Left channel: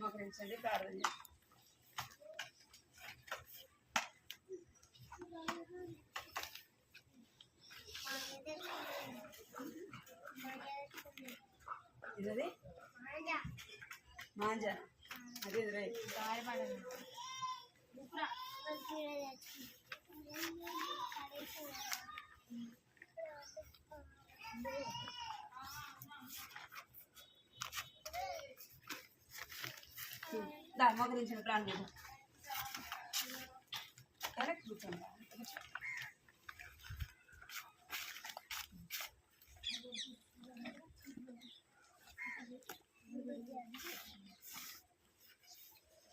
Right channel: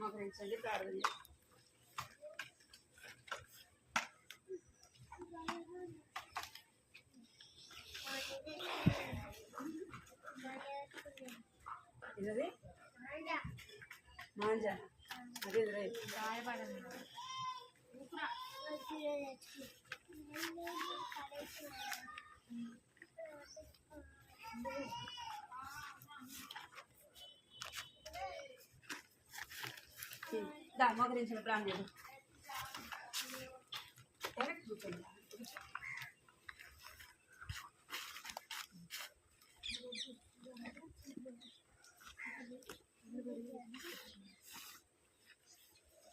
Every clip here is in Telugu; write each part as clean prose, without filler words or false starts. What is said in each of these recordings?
మోకరించండి, ప్రార్థన చేయండి. ఇదది మాంజా అది దా మోకరించిన ప్రాణం చేద్దాం. కరెక్ట్ కూర్చోండి.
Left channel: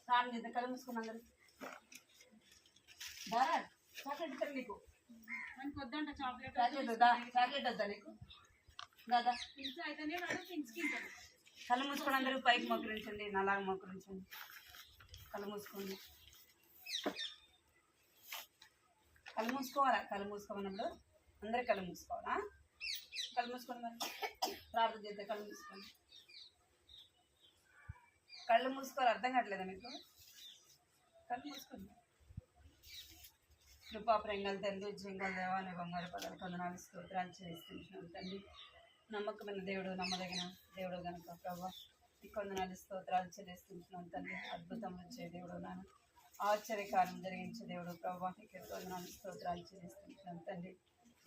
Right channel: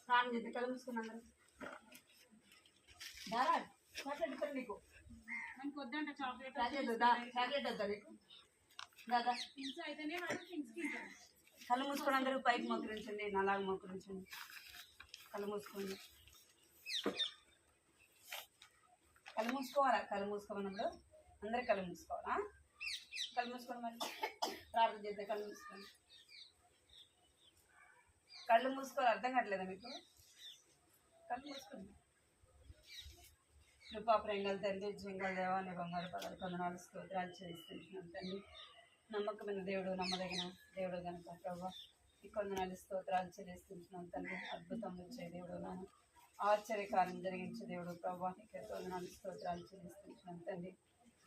ప్రాణం చేద్దాం. కళ్ళు మూసుకున్నాం అందరూ. దారా చాక్లెట్ ఇస్తారు నీకు. మనకు వద్దంట చాక్లెట్. చాక్లెట్ వద్దా? చాక్లెట్ వద్దా నీకు? దాదా థింగ్స్ అయితేనే వాడు థింగ్స్కి ఇస్తారు. కళ్ళు మూసుకొని అందరూ పైకి మోకరించండి, నలాగా మోకరించండి. కళ్ళు మూసుకోండి. కళ్ళు మూసుకోవాలా? కళ్ళు మూసుకోమన్నప్పుడు అందరు కళ్ళు మూసుకోవాలా? కళ్ళు మూసుకోండి. మరి ప్రార్థన చేద్దాం. కళ్ళు మూసుకోండి. కళ్ళు మూసుకోవాలి. అర్థం కావట్లేదా మీకు? కళ్ళు మూసుకోండి. కృపా ప్రేంగల తండ్రి, జింగల దేవాన్ని బంగారు పదాలు కొందనాలు స్తోత్రాలు చేస్తున్నాం తండ్రి. నమ్మకమైన దేవుడు, నమ్మదగిన దేవుడు కనుక ప్రభావ ఈ కొందనాలు స్తోత్రాలు చెల్లిస్తున్నాం తండ్రి. అద్భుతం వచ్చే దేవుడు, నాన్న ఆశ్చర్యకారం జరిగించే దేవుడు ప్రభావ ఇక్కడ కొందనాలు స్తోత్రాలు చెల్లిస్తున్నాం తండ్రి.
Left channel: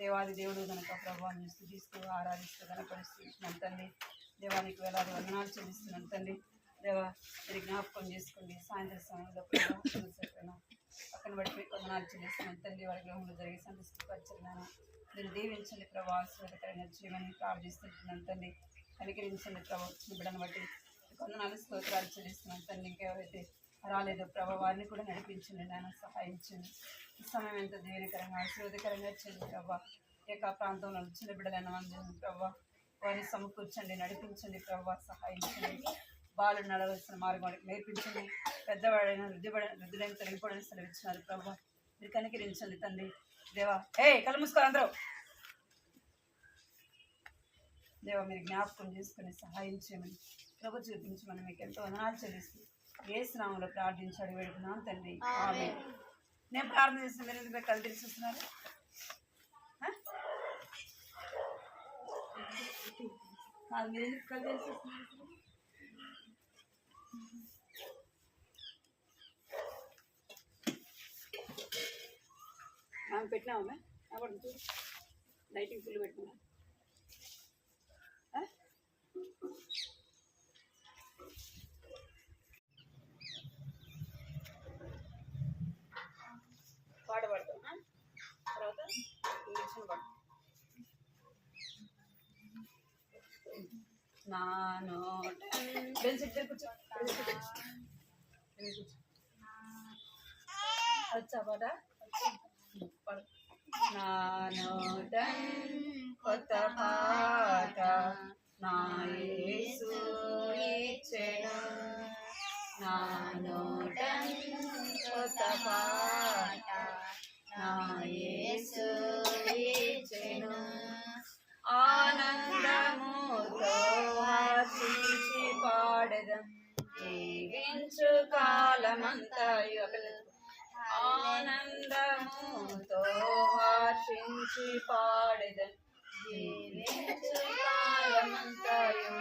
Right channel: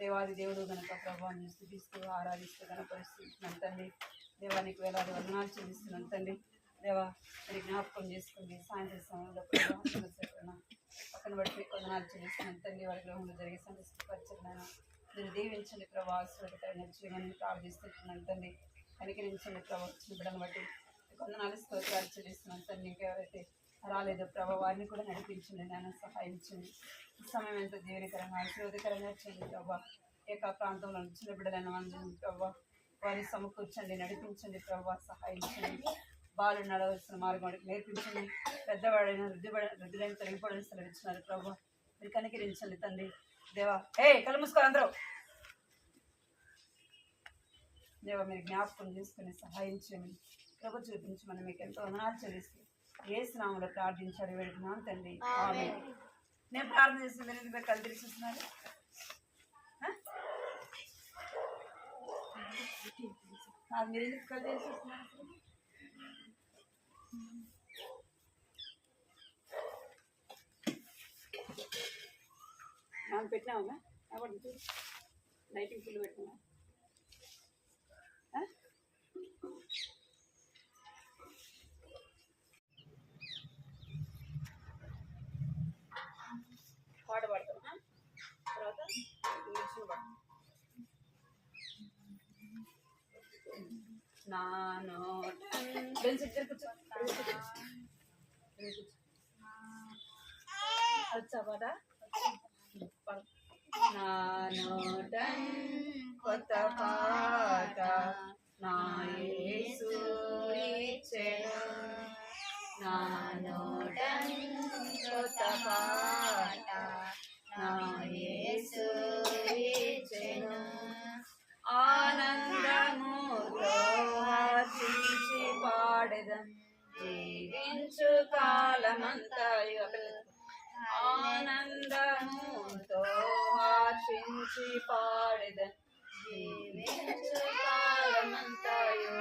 దేవాది దేవుడు కనుక ప్రభావాన్ని స్థుతిస్తూ ఆరాధిస్తూ కనపరుస్తున్నాం తండ్రి. దేవానికి వేలాది వందనాలు చెల్లిస్తున్నాం తండ్రి. దేవా మీరు జ్ఞాపకం చేసుకోండి. సాయంత్రం సమయంలో ప్రభావ పక్కన పడిపోయి కొందనాలు చెల్లిస్తున్నాం తండ్రి. వారి గృహంలో జరిగే సంతృష్టిపరచండి. మీరు దీవించండి ప్రభావ, ఆశీర్వాదకరంగా చేయమని ప్రార్థిస్తున్నాం తండ్రి. కనికరించండి ప్రభావ. వచ్చిన బిడ్డను బట్టి కొందనాలు స్తోత్రాలు చెల్లిస్తున్నాం తండ్రి. ఇంకెవరైతే రాలేదో ప్రభావ వారిని కూడా నడిపించండి, నాన్న సహాయించండి. ఈ సమయం ఎంత దీవెనకరంగా ఆశీర్వాదకరంగా చేయండి ప్రభావ. ఏక ప్రాంతంలో చిన్న బిడ్డలైన మంది ప్రభావ వారిని సమకూర్చండి, నడిపించండి ప్రభావ, సహాయించండి. బాలు నడవలసిన మార్గం వాడికి నేర్పించండి. పెద్దవాడైన వృద్ధుడైన తొలగిపోవడానికి సెలవిచ్చినారు ప్రభావ. మీరు కనికరించండి తండ్రి. దేవా కళ్ళు మూసుకోవాలి అందరూ. దేవా మీరు జ్ఞాపకం చేసుకుని సహాయం చేయమని ప్రభు చూపించమని మీకు ఎంతో వందనాలు చెల్లిస్తూ యేసు నామములో ప్రార్థించాడు వేడుకున్నాను తండ్రి. ఆమేన్. నేను ప్రార్థన చేసిన మీరు ఎందుకు కళ్ళు తెరిచేస్తున్నారు? మీరు ఎందుకు కళ్ళు తెరిచేస్తున్నారు? మనం పెట్టినామా? అవ్వడం చూడు, లైటింగ్ ఫుల్ పెట్టినా. పాట పాడతాం. తర్వాత ఇంగ్లీష్లో పాడతాం. నా నోట వచ్చా పాట? నా నోట కొత్త పాట నా యేసు ఇచ్చెను. నా నోట కొత్త పాట నా యేసు ఇచ్చెను. ఆనందముతో హర్షించి పాడెదం జీవించు కాలమంతయు. ఆనందముతో హర్షించి పాడెదం జీవించు కాలమంతయు.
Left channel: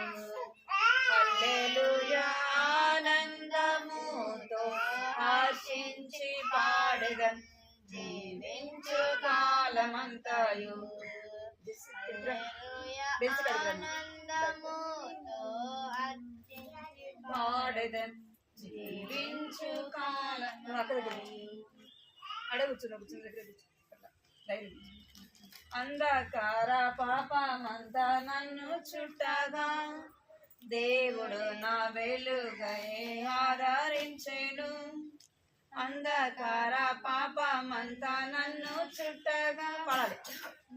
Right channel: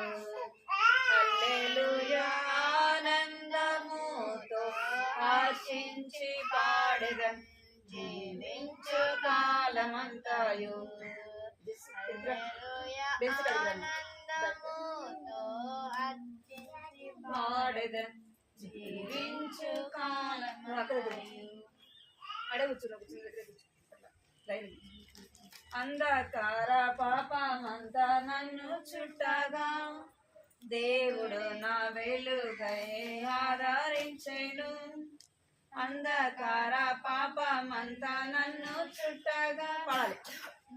హల్లెలూయా. ఆనందముతో హర్షించి పాడెదం జీవించు కాలమంతయు. పాడెదం జీవించు కాలం. అడే కూర్చున్నా, కూర్చున్న దగ్గర అంధకార పాపమంతా నన్ను చుట్టగా దేవుడు నా వెలుగై ఆదరించెను. అంధకార పాపమంతా నన్ను చుట్టగా పాడాలి.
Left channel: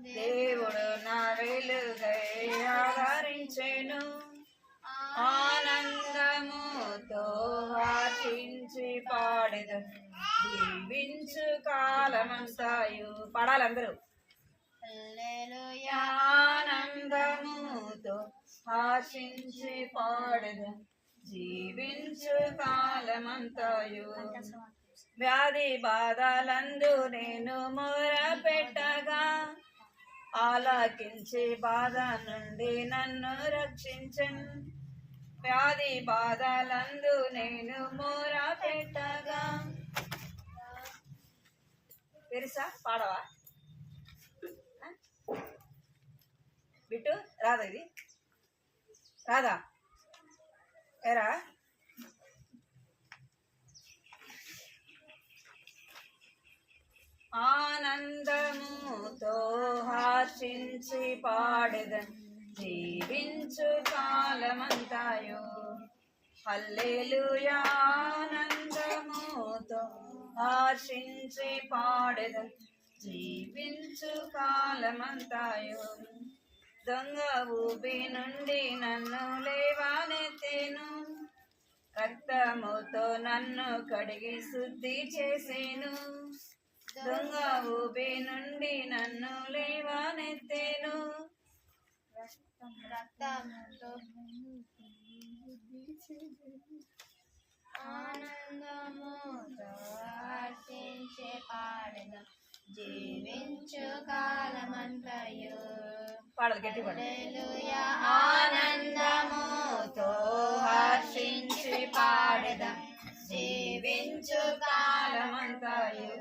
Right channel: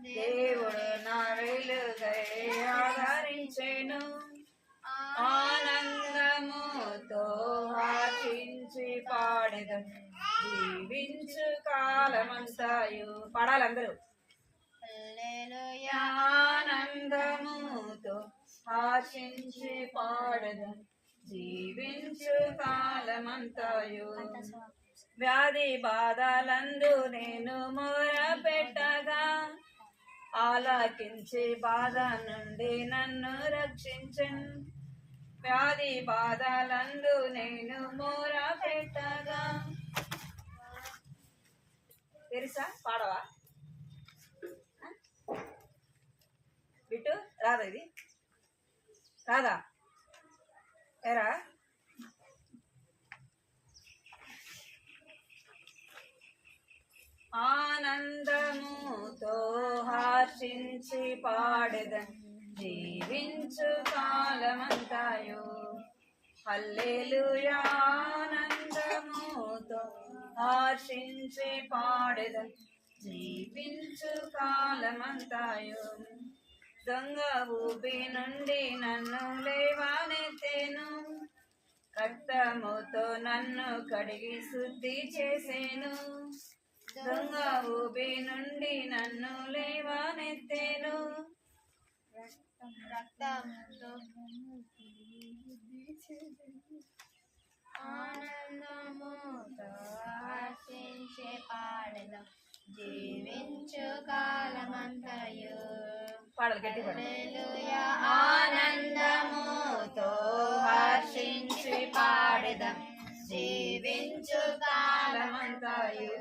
దేవుడు నా వెలుగై ఆదరించెను. ఆనందముతో హర్షించి పాడెదం జీవించు కాలమంతయు. పాడాలి అందరూ. హల్లెలూయా. ఆనందముతో హర్షించి పాడెద జీవించు కాలమంతయు వ్యాధి బాధలందు నేను మొరపెట్టగా ఆలకించి బాధ నుండి నన్ను రక్షించను వ్యాధి బాధలందు నేను మొరపెట్టగా తెలుసా పాడవా బిట్టు రాదా ఇది రాదా ఏరా ఆనందముతో హర్షించి పాడెదన్ జీవించు కాలమంతయు హల్లెలూయా ఆనందముతో హర్షించి పాడెదన్ జీవించు కాలమంతయు దొంగ ఊబి నుండి నన్ను లేవనెత్తెను రక్తముతో నన్ను కడిగి శుద్ధి చేసేను దొంగ ఊబి నుండి నన్ను లేవనెత్తెను ఆనందముతో హర్షించి పాడెదం జీవించు కాలమంతయు హల్లెలూయా ఆనందముతో హర్షించి పాడెదం జీవించు కాలమంతయు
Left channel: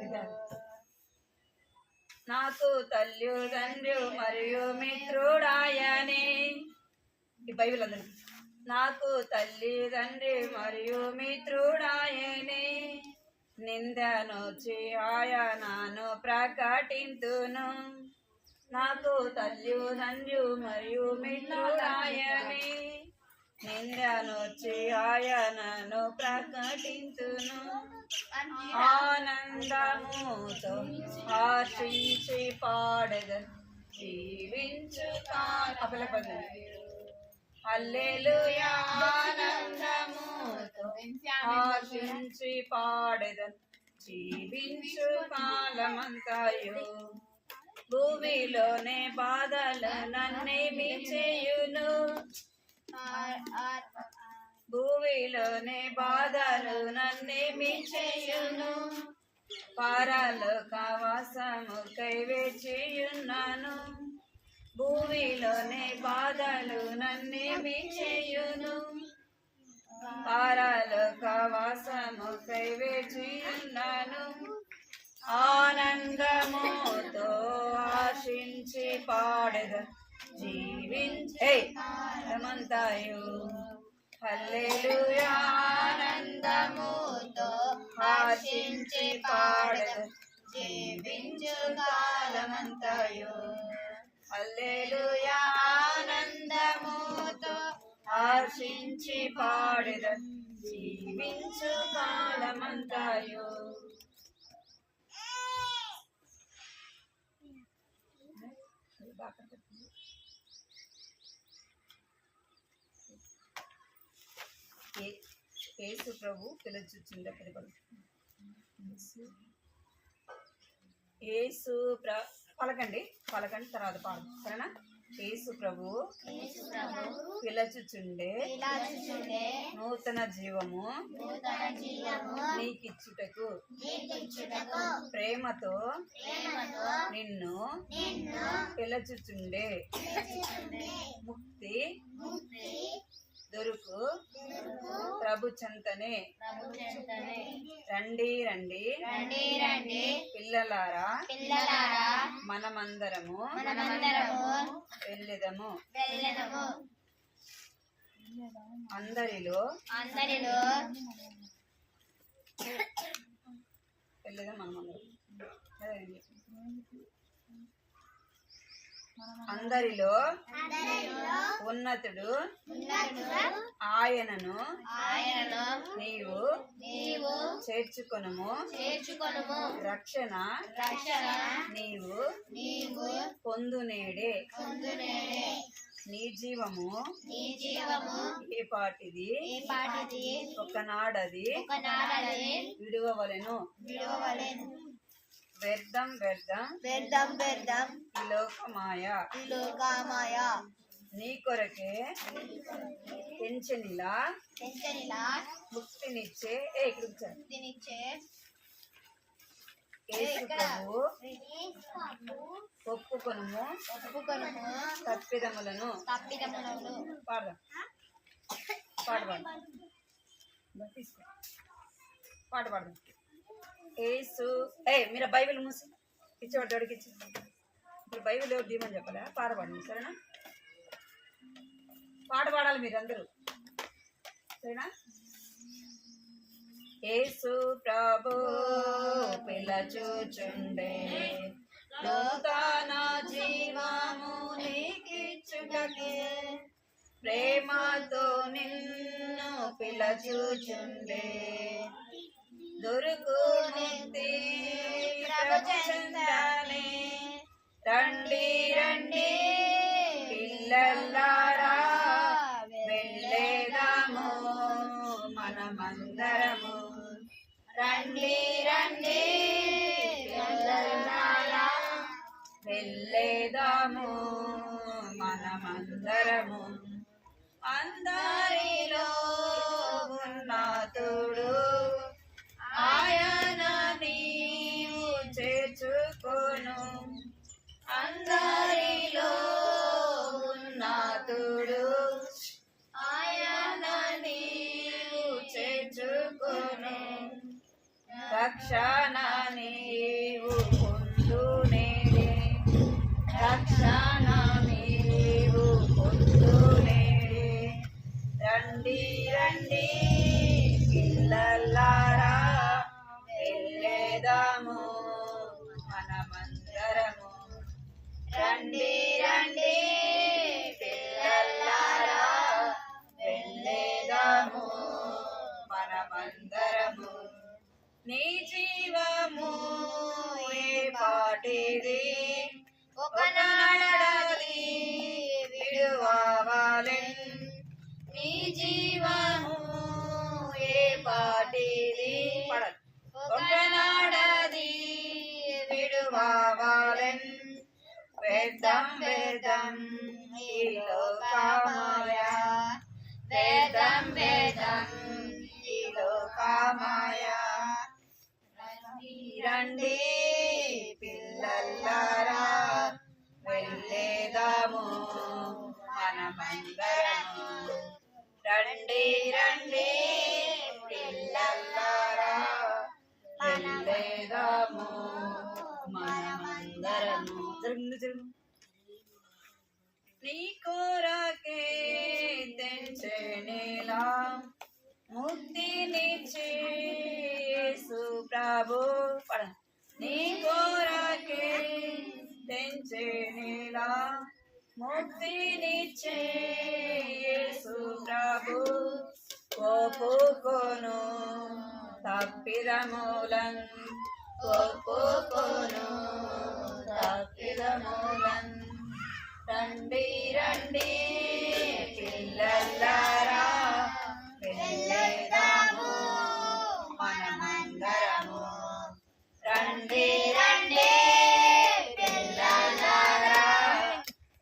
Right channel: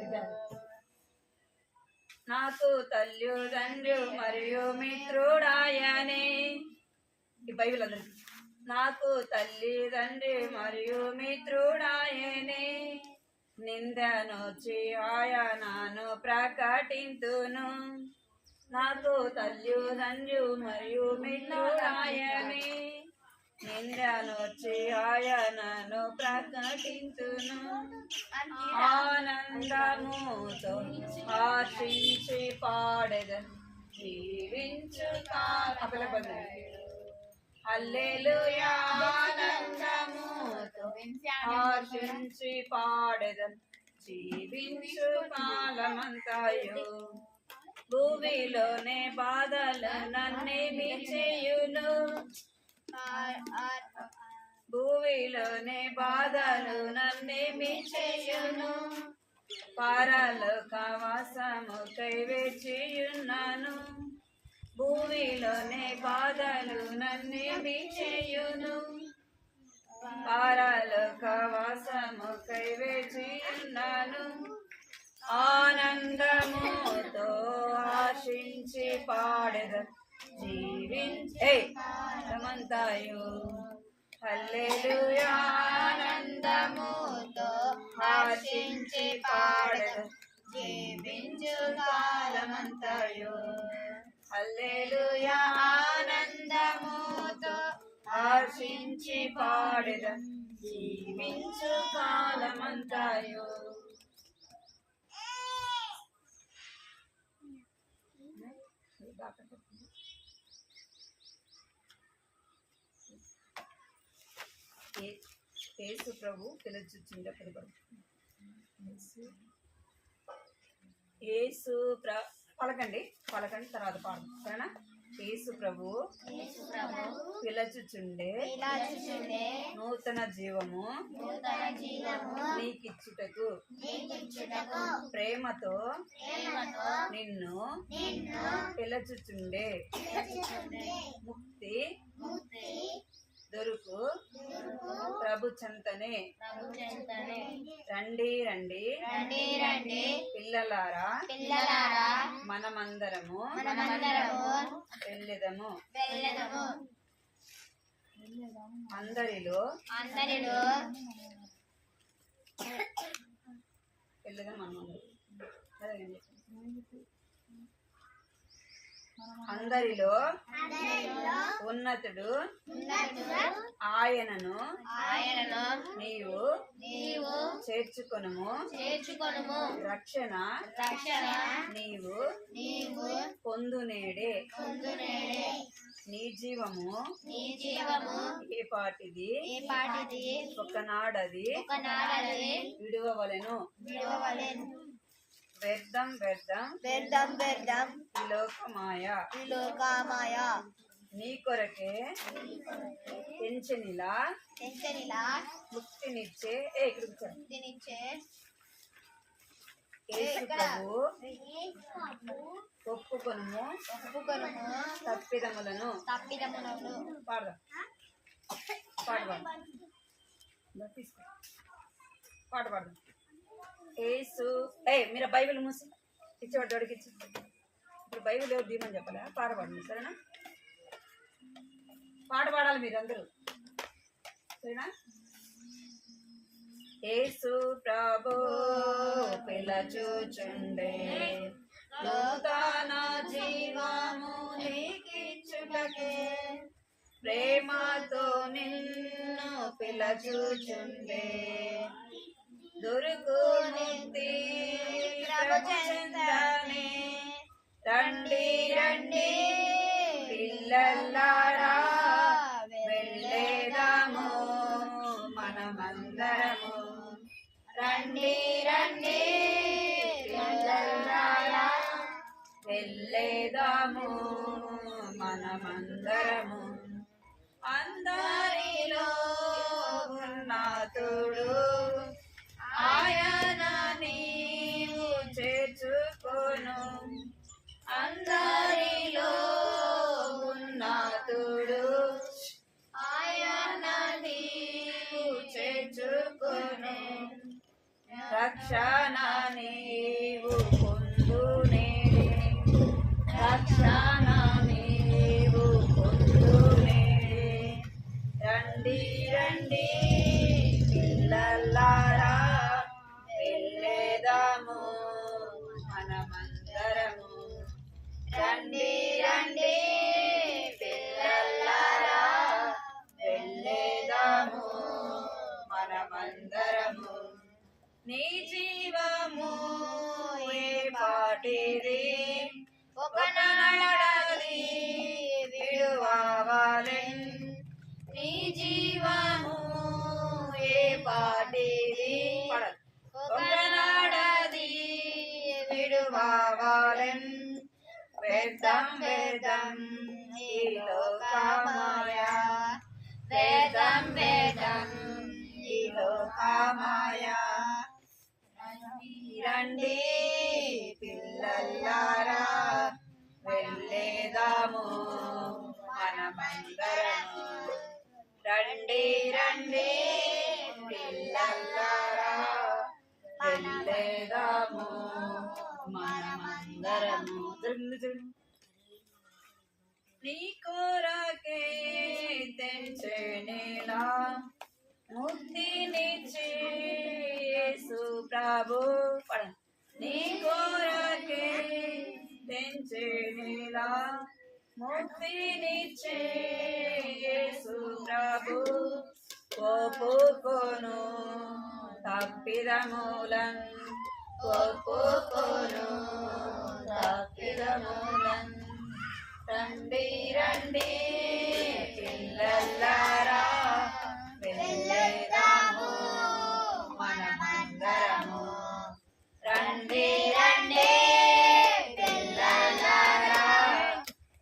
నాకు తల్లిదండ్రు మరియు మిత్రుడాయనే ఈ బైబిల్ అందరి నాకు తల్లిదండ్రి మరియు మిత్రుడాయనే నిందనొచ్చి ఆయనను ప్రకటింతును నాకు తల్లిదండ్రు మరియు మిత్రుడాయనే నిందనొచ్చి ఆయనను ప్రకటింతును ఆనందముతో హర్షించి పాడెదన్ జీవించు హల్లెలూయా ఆనందముతో హర్షించి పాడెదన్ జీవించు కాలమంతయు భూమిలోనే బాధలు నన్నేమి చేయును భూమిలోనే బాధలు నన్నేమి చేయును పరలోక వాసముకై వేచియున్నాను భూమిలోనే బాధలు నన్నేమి చేయును పరలోక వాసముకై వేచియున్నాను ఆనందముతో హర్షించి పాడెదన్ జీవించే కాలమంతయు హల్లెలూయా ఆనందముతో హర్షించి పాడెదన్ జీవించు కాలమంతయు హల్లెలూయా ఆనందముతో హర్షించి పాడెదన్ జీవించు కాలమంతయు యేసు ప్రభు పిలుచుచుండ యేసు పలకండి తర్వాత పాడు సరేనా యేసు ప్రభు పిలుచుచుండే నూతన జీవము నీకిచ్చుటకు ప్రేమతో నిన్ను పిలుచుచుండే ముక్తి దొరుకు ప్రభు చెంతనే రండి రండి పిల్లలారా మనమందరము వెళ్ళెదము అందరిలో వెళ్ళెదం మనమందరం అందరిలో ఉన్నతుడు ఆయనను నీవు చేర్చుకొనుము రక్షణ నీవు పొందునేడే నీ జీవము ఏ పాటిది ఒకనాడది విడువవలెను వ్యర్థం ఈ లోకమాయ నీ కొరకే పెంచనిలా ముక్తినిచ్చే ముక్తినిచ్చే యేసు ప్రభు ఒప్పుకొనుము తప్పిదములను పాడదాం తీసుకో పాడదాం యేసు మీరు బైబిల్ మూసి ఇచ్చేవాడు అడిగి ఇచ్చి ఇప్పుడు బైబిల్ ఎవరు దీమని చెప్పాలా పాడబడండి సరేనా పాడాలి మీరు అందరూ సరేనా యేసు ప్రభు పిలచుచుండే లోకాన జీవము నీకిచ్చుటకే ప్రేమతో నిన్ను పిలచుచుండే దొరుకు ముక్తి ప్రభుచందనే రండి రండి పిల్లలారా వెళ్ళేదాము మనమందరము రండి రండి పిల్లలారా వెళ్ళేదాము మనమందరము అందరిలో ఉన్నతుడు ఆయన నీవు చేర్చుకొను అందరిలో ఉన్నతుడు ఆయన నీవు చేర్చుకొను రక్షణ నీవు పొందునేడే రక్షణ నీవు పొందునేడే రండి రండి పిల్లలారా వెళ్ళేదాము మనమందరము రండి రండి పిల్లలారా వెళ్ళేదాము మనమందరము నీ జీవము ఏ పాటిది ఒకనాడది విడువాలెన్ నీ జీవము ఏ పాటిది ఒకనాడది విడువాలెన్ వేదం వేదం ఈ లోకమాయ వేదం వేదం ఈ లోకమాయ రండి పిల్లలారా వెళ్ళేదాము మనమందరము రండి రండి పిల్లలారా వెళ్ళేదాము మనమందరము నీ కొరకే తెంచెనేలా ముక్తినిచ్చే యేసు ప్రభు నీ కొరకే తెంచెనేలా ముక్తినిచ్చే యేసు ప్రభు ఒప్పుకొను తప్పిదములన్ ఒప్పుకొను తప్పిదములన్ రండి రండి పిల్లలారా వెళ్ళేదాము మనమందరము రండి రండి పిల్లలారా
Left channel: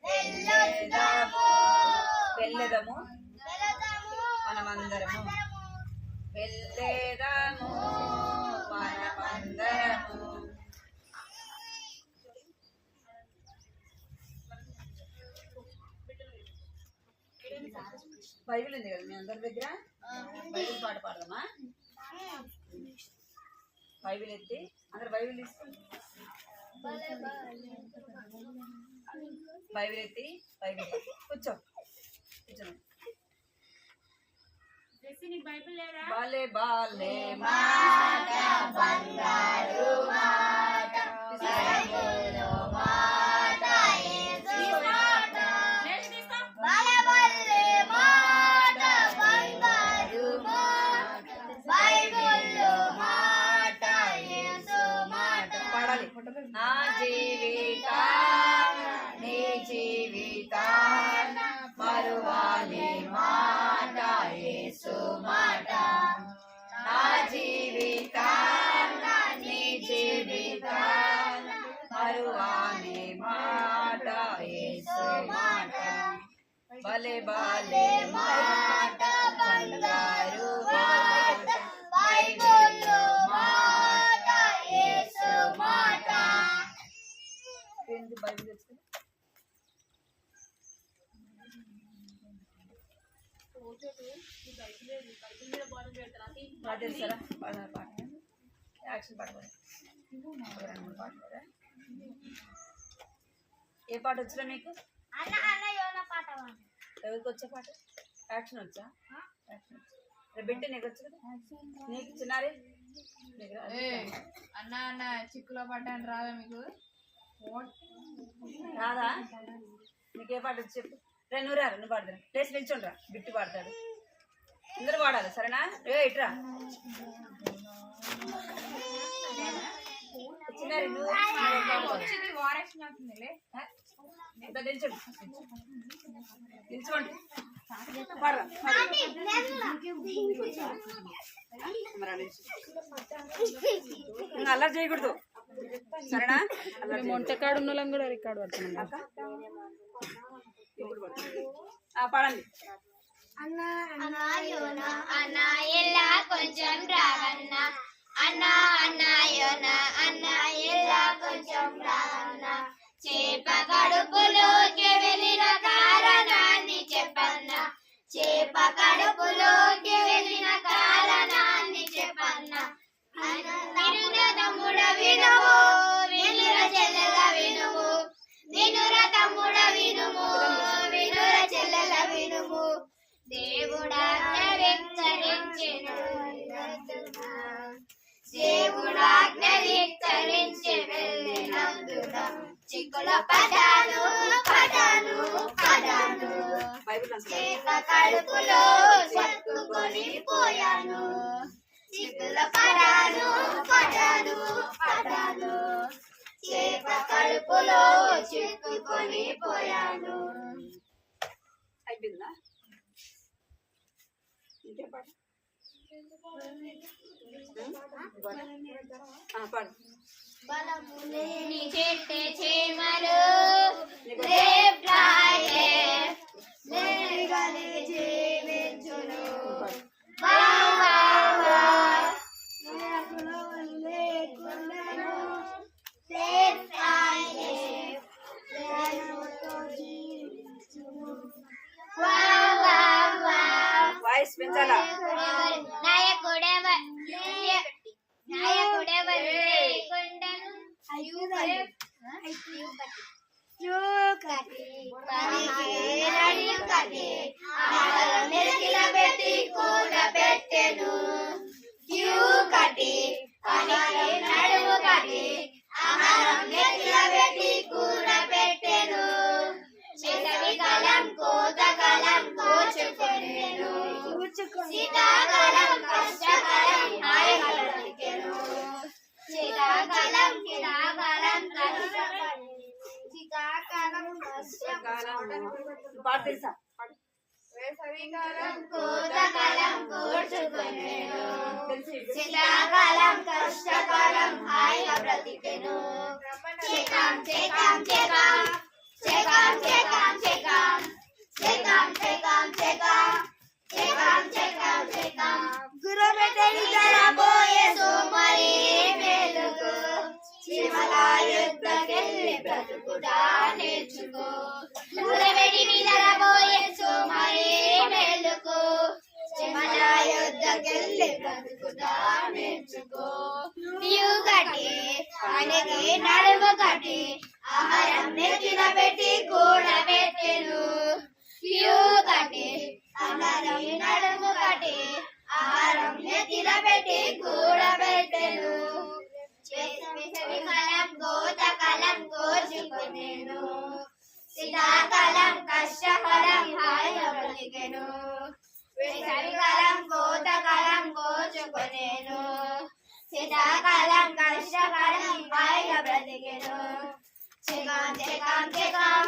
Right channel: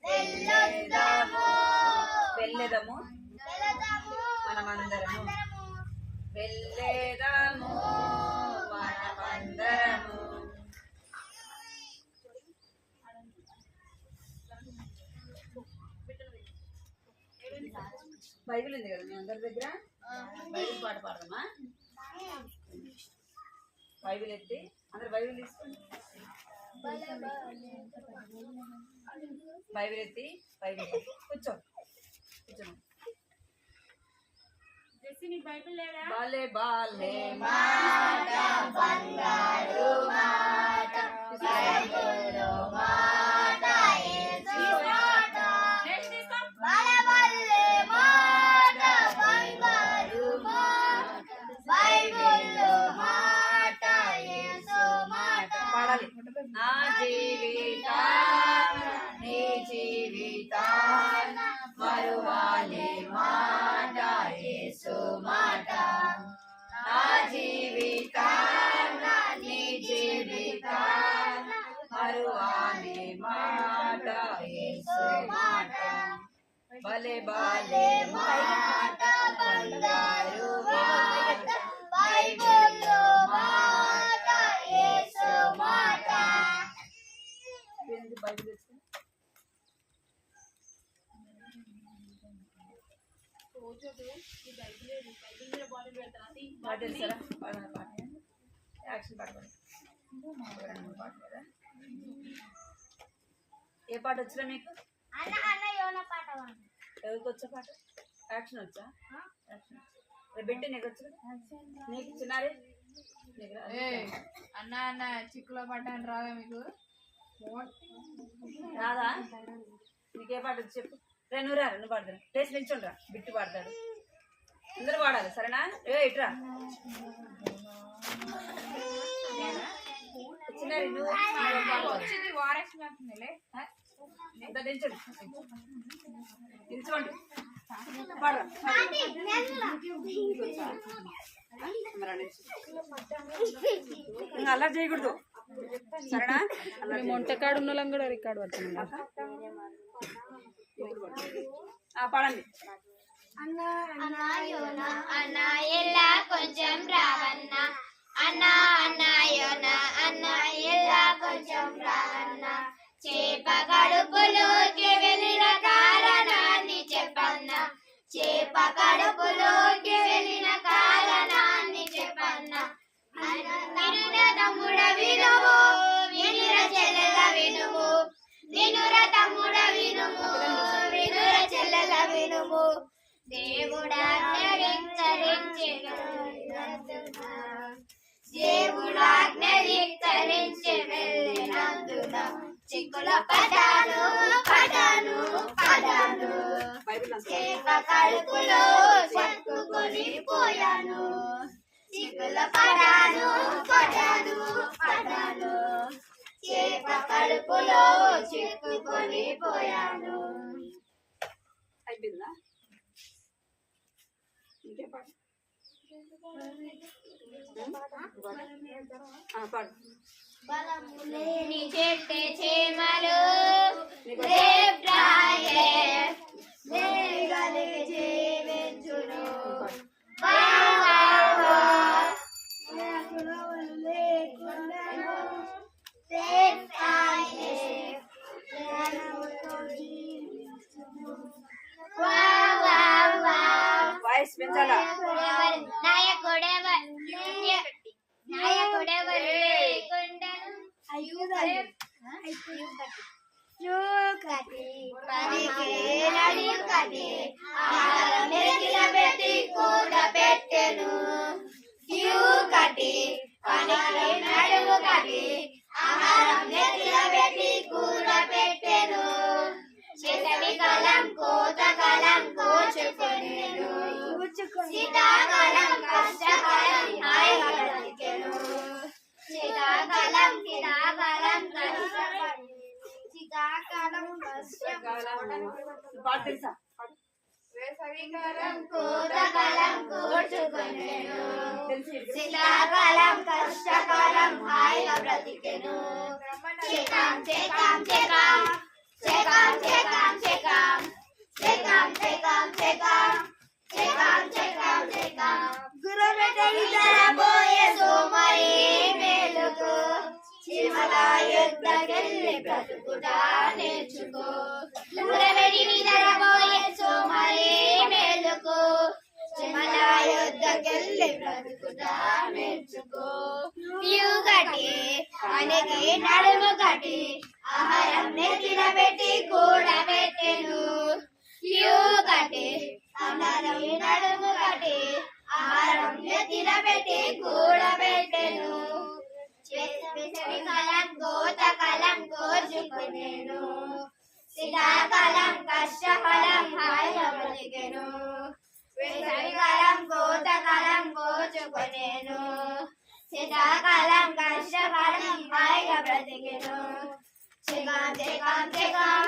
వెళ్ళేదాము మనమందరము వెళ్ళేదాము మనమందరము బైబిల్ ఉంది కదా మీ అందరి దగ్గర బైబిల్ పాట పాడదామా బైబిల్ ఎత్తి అందరు బైబిల్ తీసుకోండి బైబిల్ ఎత్తి బైబిల్ కూర్చో బాలే బాలే మాట బంగారు మాట బైబిల్లో మాట యేసు మాట బాలే బాలే మాట బంగారు మాట బైబిల్లో మాట యేసు మాట పాడాలి నా జీవితాన నీ జీవితాన మరువాలి మాట యేసు మాట నా జీవితాన నీ జీవితాన మరువాలి బాలే బాలే మాట బంగారు మాట బైబిల్లో మాట యేసు మాట. ఏంటి బైబిల్ తెచ్చుకో. పాట తెలుసారా? పాట యాక్షన్ పాట పాడు. పాట కదా. ఏ పాట వచ్చినా మీకు? అన్న అన్న యోన పాట వాడు. ఎవరికి వచ్చే పాట? యాక్షన్ వచ్చా? యాక్షన్ వచ్చా. బిట్టు నీకు వచ్చు కదా? నీకు చిన్నారే నీకు అన్న అన్న చిక్కులో పడ్డాను రావా మీకు? రాదా? నీకే పాట వచ్చి చెప్పు. నువ్వు రా, నువ్వు పాడతాను. టేస్ట్ నిల్చుండ్రా, బిట్టు పాడతాడు. అందరూ పాడాలి సరేనా? ఇట్రా చిన్నారి నువ్వు నిల్చోండి నిల్చోండి పాడరా. అల్లరి చేయకూడదు సరేనా? మొంటకాడు ఉన్న వాళ్ళం కూడా రికార్డు పడుతున్నాం. పాడండి. అన్న ఎలా కొంచెం రావన్న అన్న అన్న యోన అన్న ఎలా కొంచెం రావన్న చేప కడుపులోకి వెళ్ళిన కారణాన్ని చెప్పన్న చేప కడుపులోకి వెళ్ళిన కారణాన్ని చెప్పన్న వినుర తమ్ముడ వినుము వినుర చెల్లెల వినుము వినుర తమ్ముడ వినుము వినుర చెల్లెల వినుము దేవుడాజ్ఞ విస్తరించెను దేవుడాజ్ఞ విస్తరించి వెళ్ళినందున చిక్కుల పడాను పడాను పడాను చేప కడుపులో చిక్కుకొని పోయాను చిక్కుల పడాను పడాను పడాను చేప కడుపులో చిక్కుకొని పోయాను. అయిపోయిందా? ఇంకే పాట పాడు. నీ చెట్టే చేమలు రేప్రాయే మేఘాలికి జీవించును వా వా వా లేకుండను రేప్రాయే జీవించును వా వా వా. వాయిస్ పెంచాలా? నాయకుడెవరు లేకుండను పెట్టి కూడ పెట్టెను నడుము కట్టి ఆహారం పెట్టి కూర పెట్టెను శీతకాలం కోతకాలం కోచుకొనెను శీతాకాలం కష్టకాలం హాయిగా బ్రతికెను శీతాకాలం పాట తెలుసా? వేసవికాలం కోతకాలం కోర్చుకొనెను శీతాకాలం కష్టకాలం హాయిగా బ్రతికెను చేకాం చేకాం చేకాం చేకాం చేకాం చేకాం చేకాం చేకాం చేకాం చేకాం చేకాం చేకాం గురురటని తరబోయే సోమరి మేలుకు చిమల యుద్ధకెళ్ళి బ్రతుకుడా నేర్చుకో గురురటని తరబోయే సోమరి మేలుకు చిమల యుద్ధకెళ్ళి బ్రతుకుడా నేర్చుకో నీవు కట్టి ఆయనకి నడుము కట్టి ఆహారం నెత్తిన పెట్టి కూడబెట్టెను కట్టి ఆహారం నడుము కట్టి ఆహారం నెత్తిన పెట్టి కూడబెట్టెను వేసవికాలం కోతకాలం కోర్చుకొనెను శీతాకాలం కష్టకాలం హాయిగా బ్రతికెను వేసవికాలం కోతకాలం కోర్చుకొనెను శీతాకాలం కష్టకాలం హాయిగా బ్రతికెను చెకాం చెకాం చెకాం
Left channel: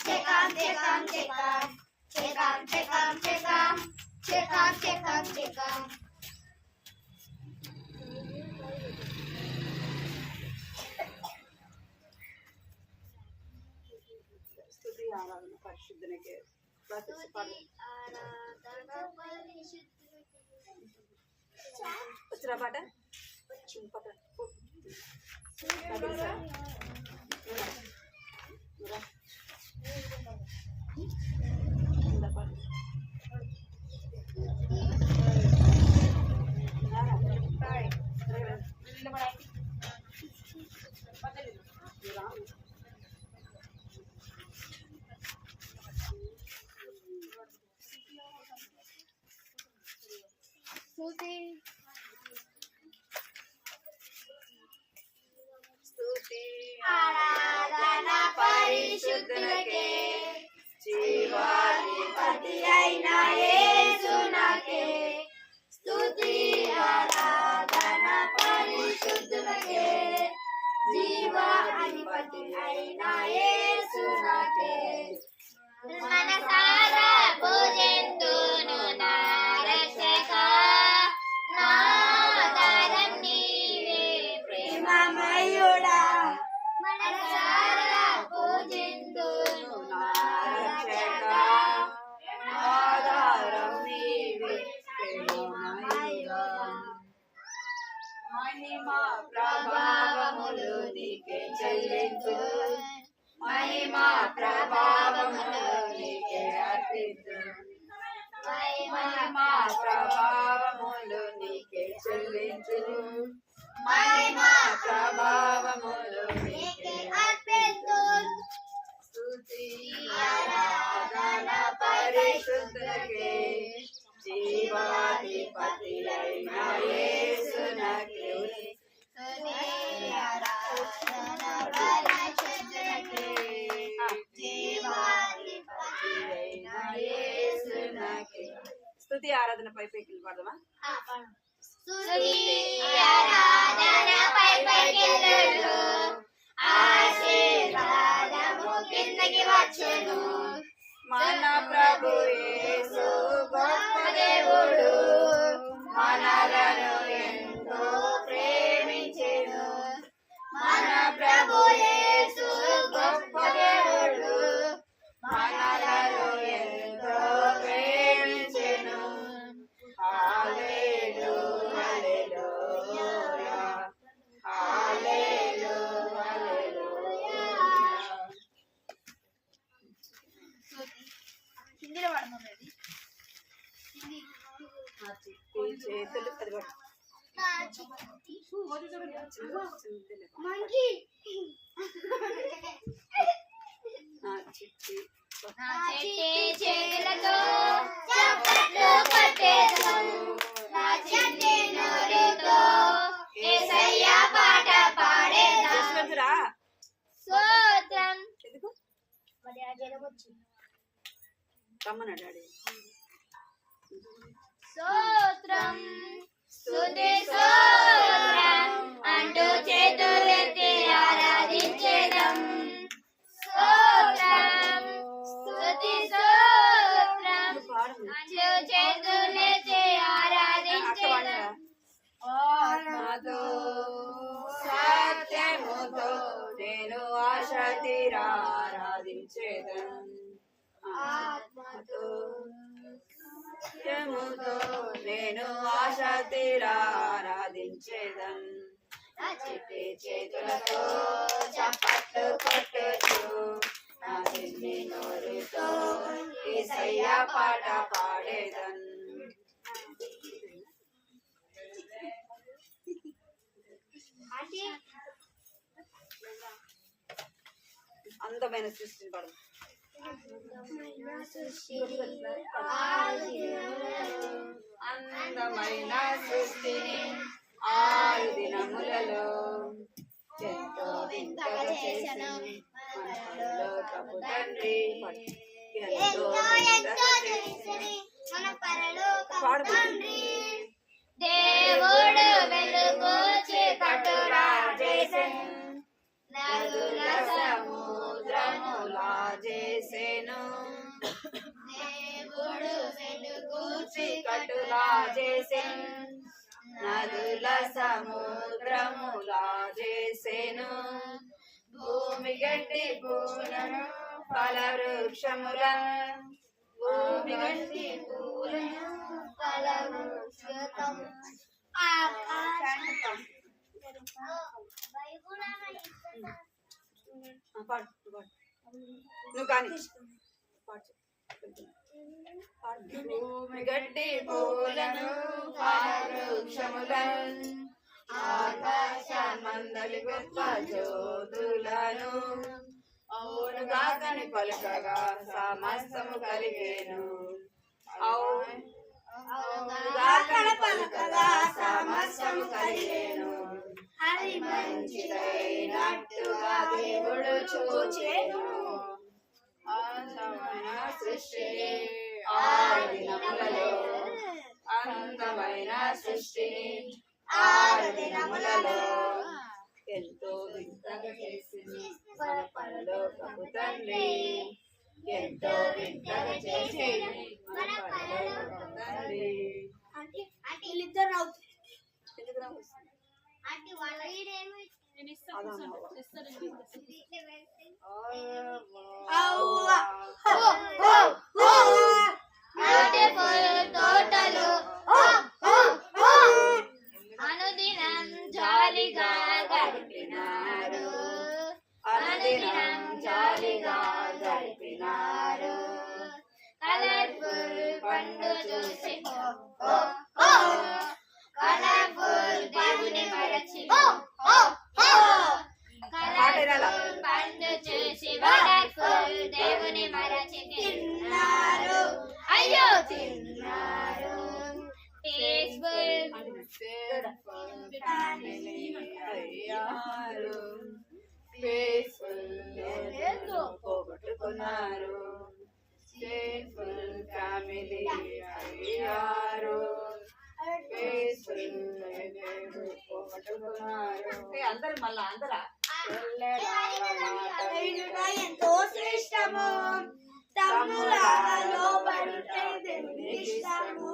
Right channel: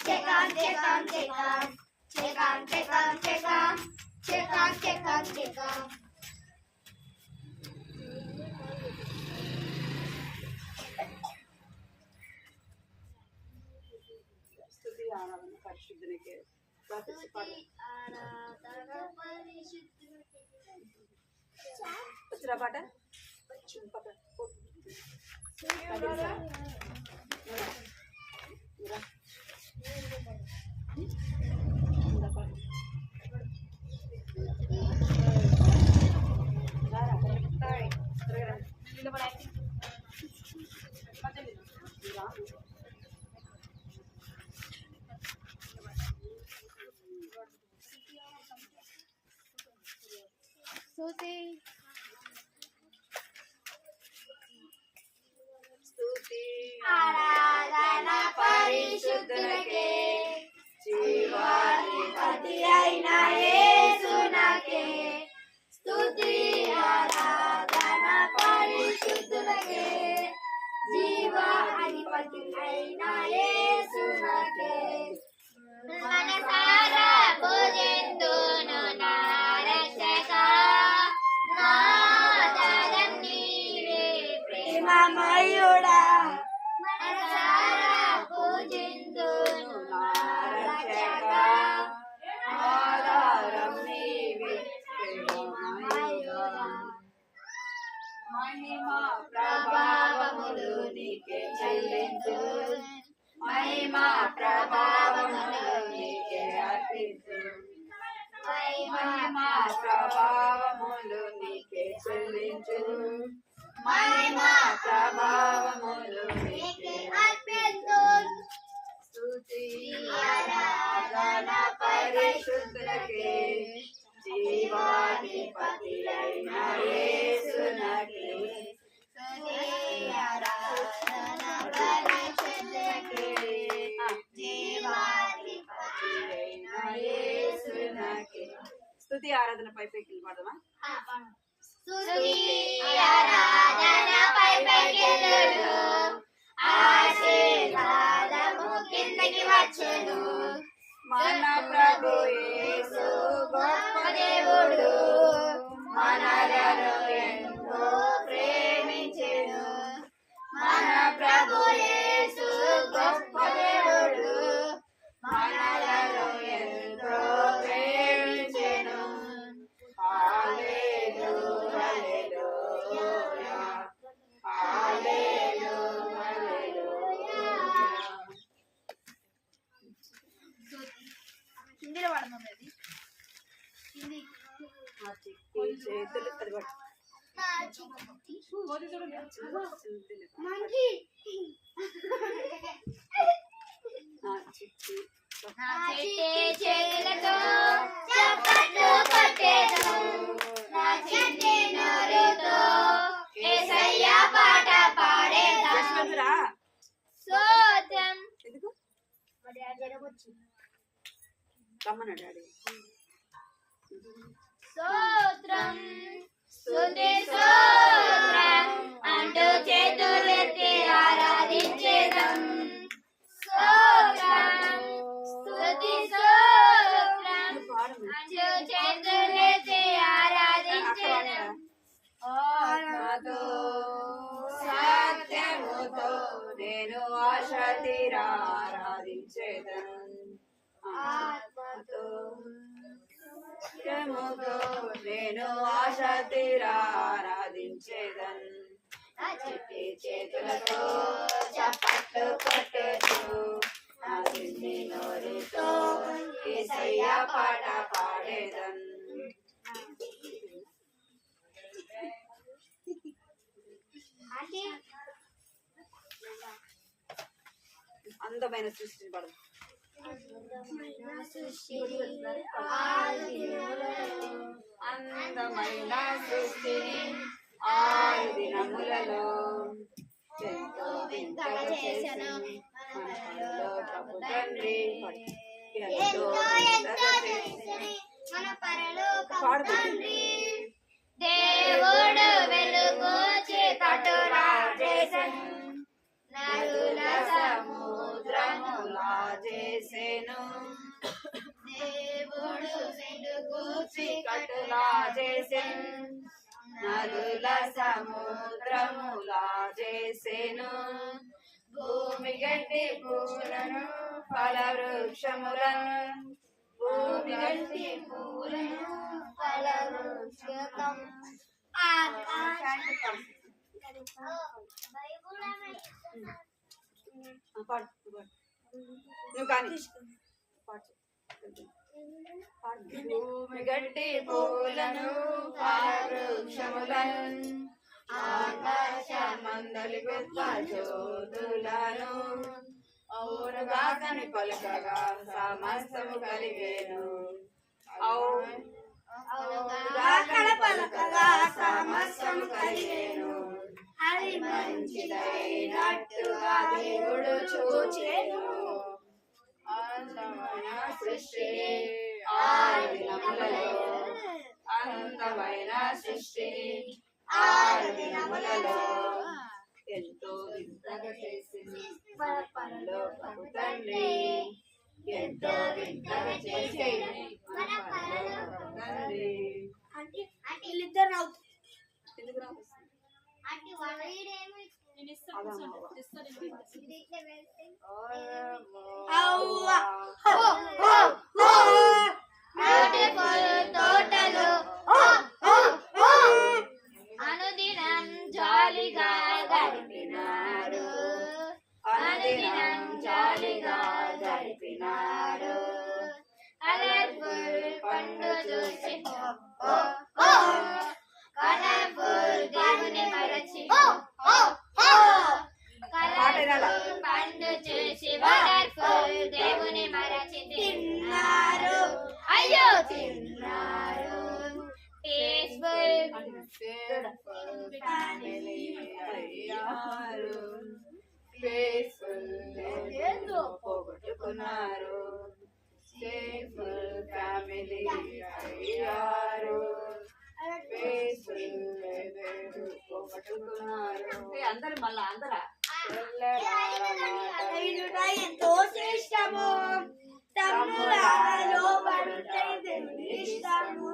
చెకాం చెకాం చెకాం చెకాం చెకాం చెకాం చెకాం చెకాం చెకాం. స్తుతి ఆరాధన పరిశుద్ధునికి వచ్చిరా పాట స్తుతి ఆరాధన పరిశుద్ధునికే, జీవాధిపతి అయిన యేసునకే. స్తుతి ఆరాధన పరిశుద్ధునికే, జీవాధిపతి అయిన యేసునకే. మనసారా పూజింతును నా రక్షకా, నా ఆధారం నీవే ప్రేమమయుడా. మనసారా పూజింతును నా రక్షకా, ఆధారం నీవే ప్రేమమయుడా. మహిమ ప్రభావములు నీకే చెల్లించు, మహిమ ప్రభావములు నీకే అర్పించు, మహిమ ప్రభావములు నీకే చెల్లించు, మహిమ ప్రభావములు నీకే అర్పించు. స్తుతి ఆరాధన పరిశుద్ధునికే, జీవాధిపతి అయిన యేసునకే. స్తుతి ఆరాధన పరిశుద్ధునికే, జీవాధిపతి అయిన యేసునకే. స్తుతి ఆరాధన పైకి పాడదామా? స్తుతి ఆరాధన పైకెళ్ళును, ఆశీర్వాదము కిందకి వచ్చును. మన ప్రభు యేసు గొప్ప దేవుడు, మనలను ఎంతో ప్రేమించెను. మన ప్రభు యేసు గొప్ప దేవుడు, మనలను ఎంతో ప్రేమించెను. హల్లెలూయా, హల్లెలూయా, హల్లెలూయా, హల్లెలూయా. హిందీలో వాడమా అది? ఆ చిట్టి చేతులు అది పట్టు. ఆ చిట్టి నా చిట్టి చేతులతో చప్పట్లు కొట్టేదను, నా చిట్టి నోరుతో యేసయ్య పాట పాడేదను. యశ్వంతురా, స్తోత్రం. ఎందుకు రమ్మన్నా డాడీ. స్తోత్రం, స్తుతి స్తోత్రం అంటూ చేతులెత్తి ఆరాధించేదం. స్తోత్రం, స్తుతి స్తోత్రం అంటూ చేతులెత్తి ఆరాధించేదం. ఆత్మతో సత్యముతో నేను ఆశ తీరా ఆరాధించేదను. ఆత్మతో సత్యముతో నేను ఆశ తీరా ఆరాధించేదను. నా చిట్టి చేతులతో చప్పట్లు కొట్టుచు, నా చిన్ని నోరుతో యేసయ్య పాట పాడేదను. అందమైన సృష్టిని పడదు. అందమైన సృష్టిని 6 దినములలో ఎంతో వింతగా చేసెను మన పరలోకపు తండ్రి. ఎంతో వింతగా చేసెను మన పరలోకపు తండ్రి. దేవుడు వెలుగు చీకటులా చేసెను, నదుల సముద్రములా చేసెను. దేవుడు వెలుగు చీకటులా చేసెను, నదుల సముద్రములా చేసెను. భూమి గడ్డి పూలను ఫల వృక్షములను భూమి గట్టి పూలను ఫలవృక్షం పాడు నువ్వు కానీ పాడు భూమి గడ్డి పూలను వృక్షములను ఆకాశమందలి గొప్ప జ్యోతులను అవునుగాకని పలుకగా సమస్తము కలిగేను అవునుగాకని పలుకగా సమస్తము కలిగేను అది మంచిదైనట్టుగా దేవుడు చూచెను అందమైన సృష్టిని 6 దినములలో అందమైన సృష్టిని 6 దినములలో ఎంతో వింతగా చేసింది మన పరలోకపు తండ్రి ఎంతో వింతగా చేసింది మన పరలోకపు తండ్రి వీళ్ళిద్దరు ఎందుకు రావచ్చు తోటలు అనుదినం జాలిగా గడిపినారు అనుదినం జాలిగా గడిపినారు కలర్ఫుల్ పండు చూసి కలర్ఫుల్ దేవుని మరచి కలర్ఫుల్ పండు చూసి వండర్ఫుల్ దేవుని మరచి తిన్నారు అయ్యో తిన్నారు పీస్ఫుల్ పోగొట్టుకున్నారు ఫ్యామిలీ అయ్యారు అందరు మళ్ళా అందరా ఎంతో శ్రేష్టము తమ్ములలో ఇష్టము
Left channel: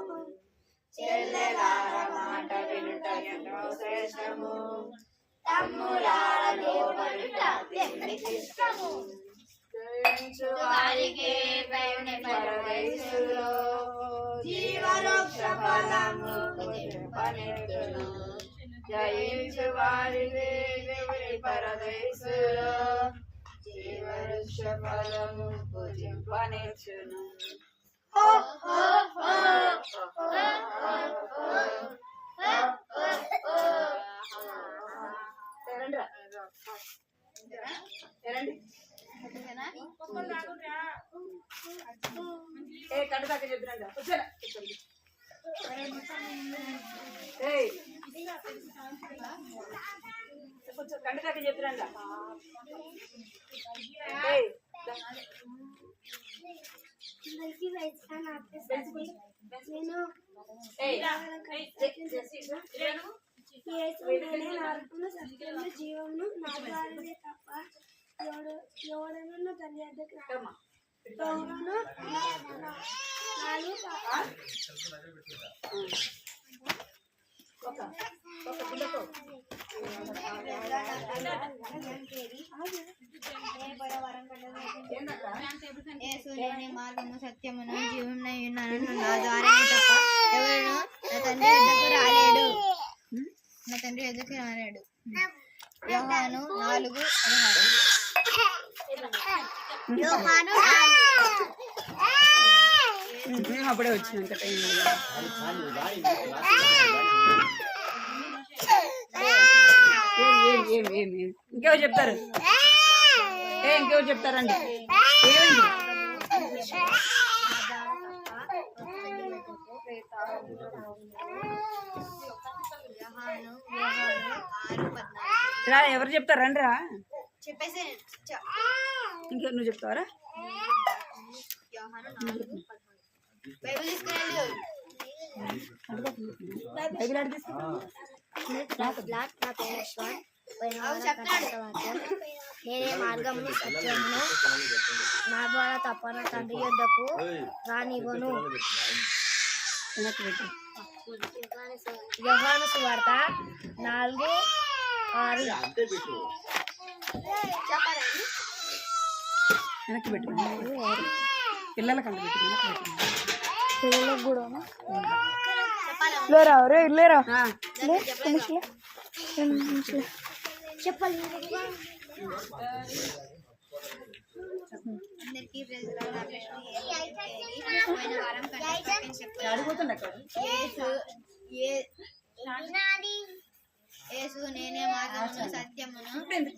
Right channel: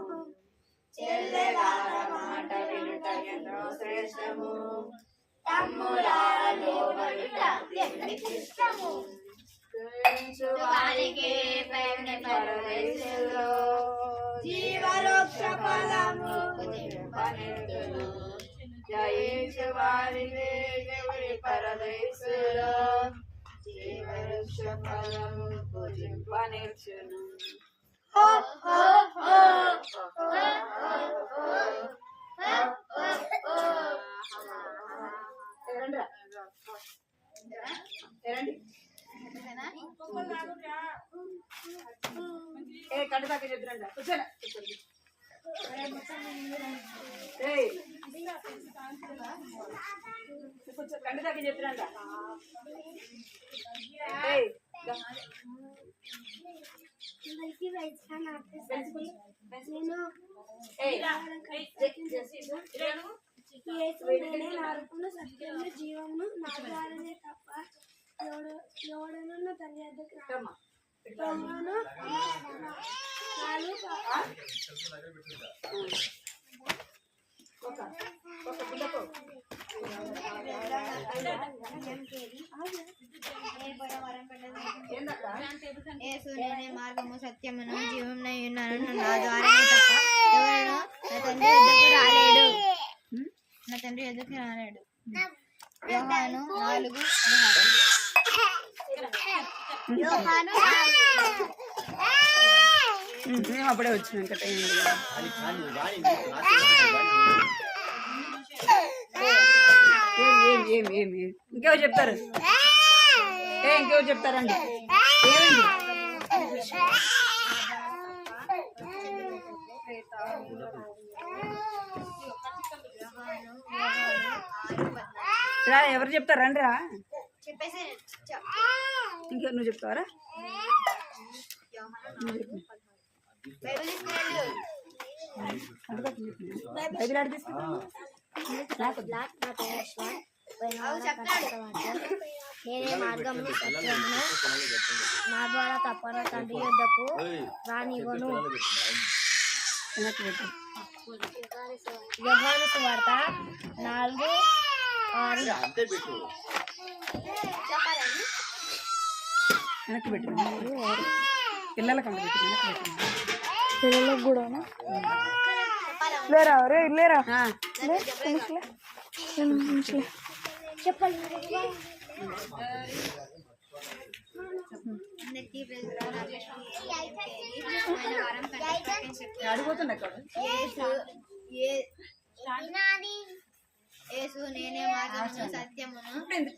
చెల్లెలార మాట వినుట ఎంతో శ్రేష్టము తమ్ములలో ఇష్టము వారికి పరదేశంలో జీవవృక్ష ఫలము పనితును జయించు వారికి దేవుని పరదేశంలో జీవవృక్ష ఫలము భుజింపనిచ్చును ఏ కంట దాకా చెప్తున్నా కూర్చోలే కూర్చో కంట దాకా చెప్తున్నా జీవమును నా ద్వారానే తప్ప ఎవడనన్నా తన యొద్దకు రాడు. యోహాను 4:4 మార్గము సత్యమును జీవమునై ఉన్నాను నా ద్వారానే తప్ప ఎవడు నా తండ్రి ఎదుకు రాలేడు. యోహాను 4:16 అప్పుడే వచ్చినాక టైం ఇంకెవరు చెప్తారు ఇంకెవరు చెప్తారండి ఏమైంది రా ఎవరు చెప్తారు రండి రా చెప్పేసి ఇంకెవరు నువ్వు చెప్తావరా బైబిల్ ఆడి తీసుకుంటా నేనే మార్గమును సత్యమును నా ద్వారా తప్పన తండ్రి యొద్దకు రానివ్వను. యోహాను సువార్త 4:6 వెనక్కి పెట్టు పిల్లలకి అంత పెట్టింది పిల్లలకు కూడా లేరా రే లేరా లే నిమిషలే 2 నిమిషాలే అందరికీ ప్రెసిడెంట్ పోయిన వారం అడిగిపోతుండే అక్కడ యేసు నేనే మార్గమును సత్యమును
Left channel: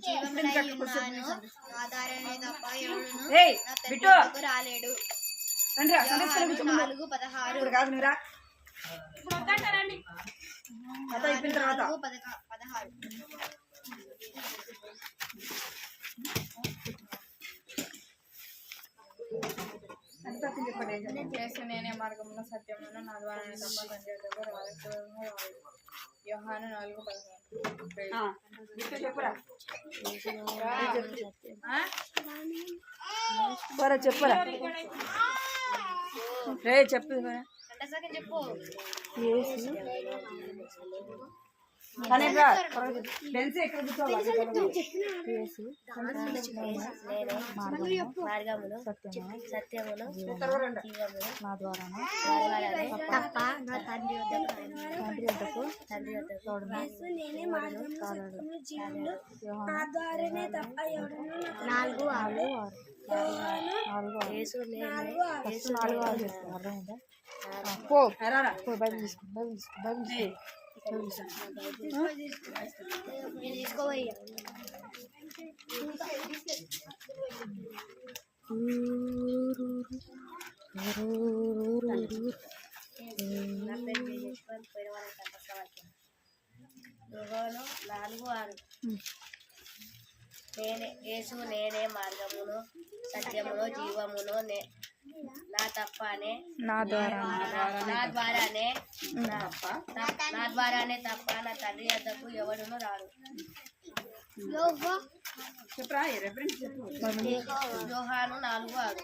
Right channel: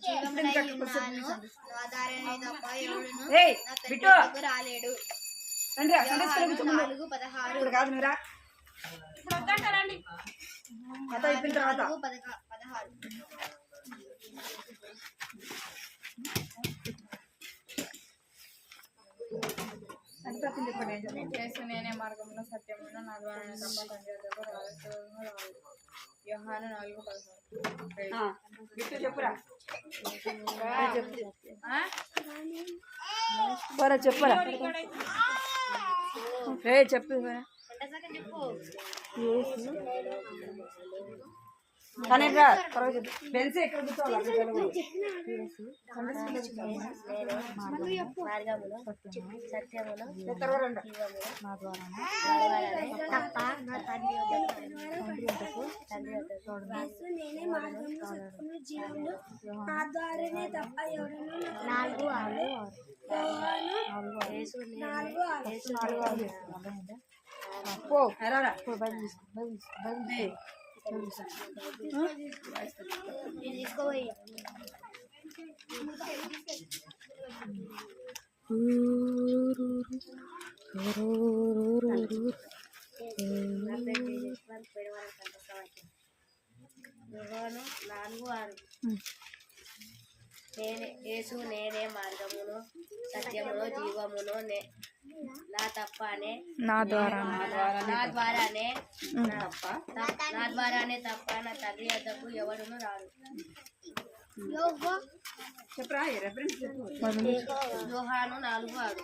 జీవమునై ఉన్నాను. నా ద్వారానే తప్ప ఎవడును నా తండ్రి వద్దకు రాలేడు. రండి 4:16 ఇప్పుడు కాదు మీరా కథ అయిపోయిన తర్వాత 4:16 చెప్పండి ఏం చదివింది? యేసు నేనే మార్గమును సత్యమును నా ద్వారానే తప్ప తండ్రి వద్దకు రాలేదు. యోహాను 4:16. గిట్టు చెప్పురా ఆ? సరే చెప్పురా రే చెప్పు చెప్పు. కానీ బెన్స్ ఎక్కడ కూర్చోవాలి యేసు నేనే మార్గమును సత్యమును జీవమును నా ద్వారానే తప్ప ఎవడును నాకు రాడు. యోహాను 4:6 యేసు నేనే మార్గమును సత్యమును జీవమును నా తప్పనే నా ద్వారానే తప్ప నా తండ్రి వద్దకు ఎవడును రాడు. చెప్పరా రెఫరెన్స్ చెప్పు యోహాను 4:6.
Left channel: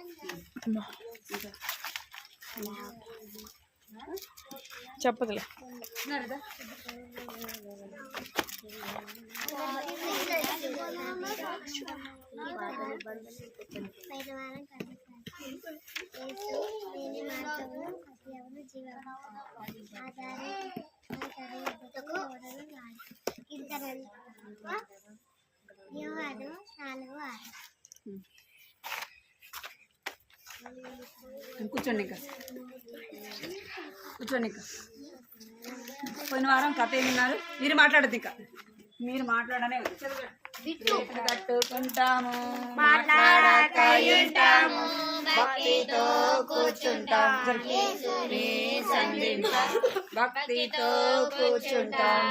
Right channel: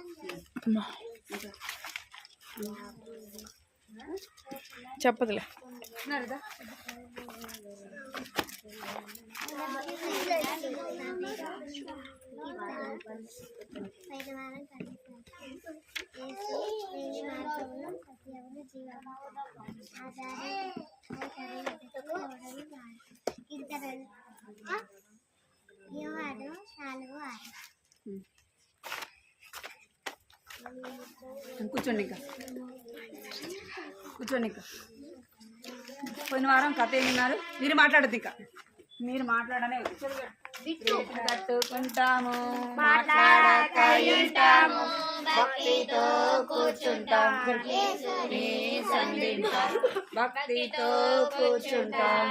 చెప్పదులే కూర్చోండి ఇంకా పోయిన వారం కథ ఏమన్నారు మీరు మాట్లాడద్దు ఇంకా మీరు మాట్లాడనే కట్టుకుంటాము మాట్లాడక ఉంటాము భక్తితో కూర్చుంటాం భక్తితో కూర్చుంటాం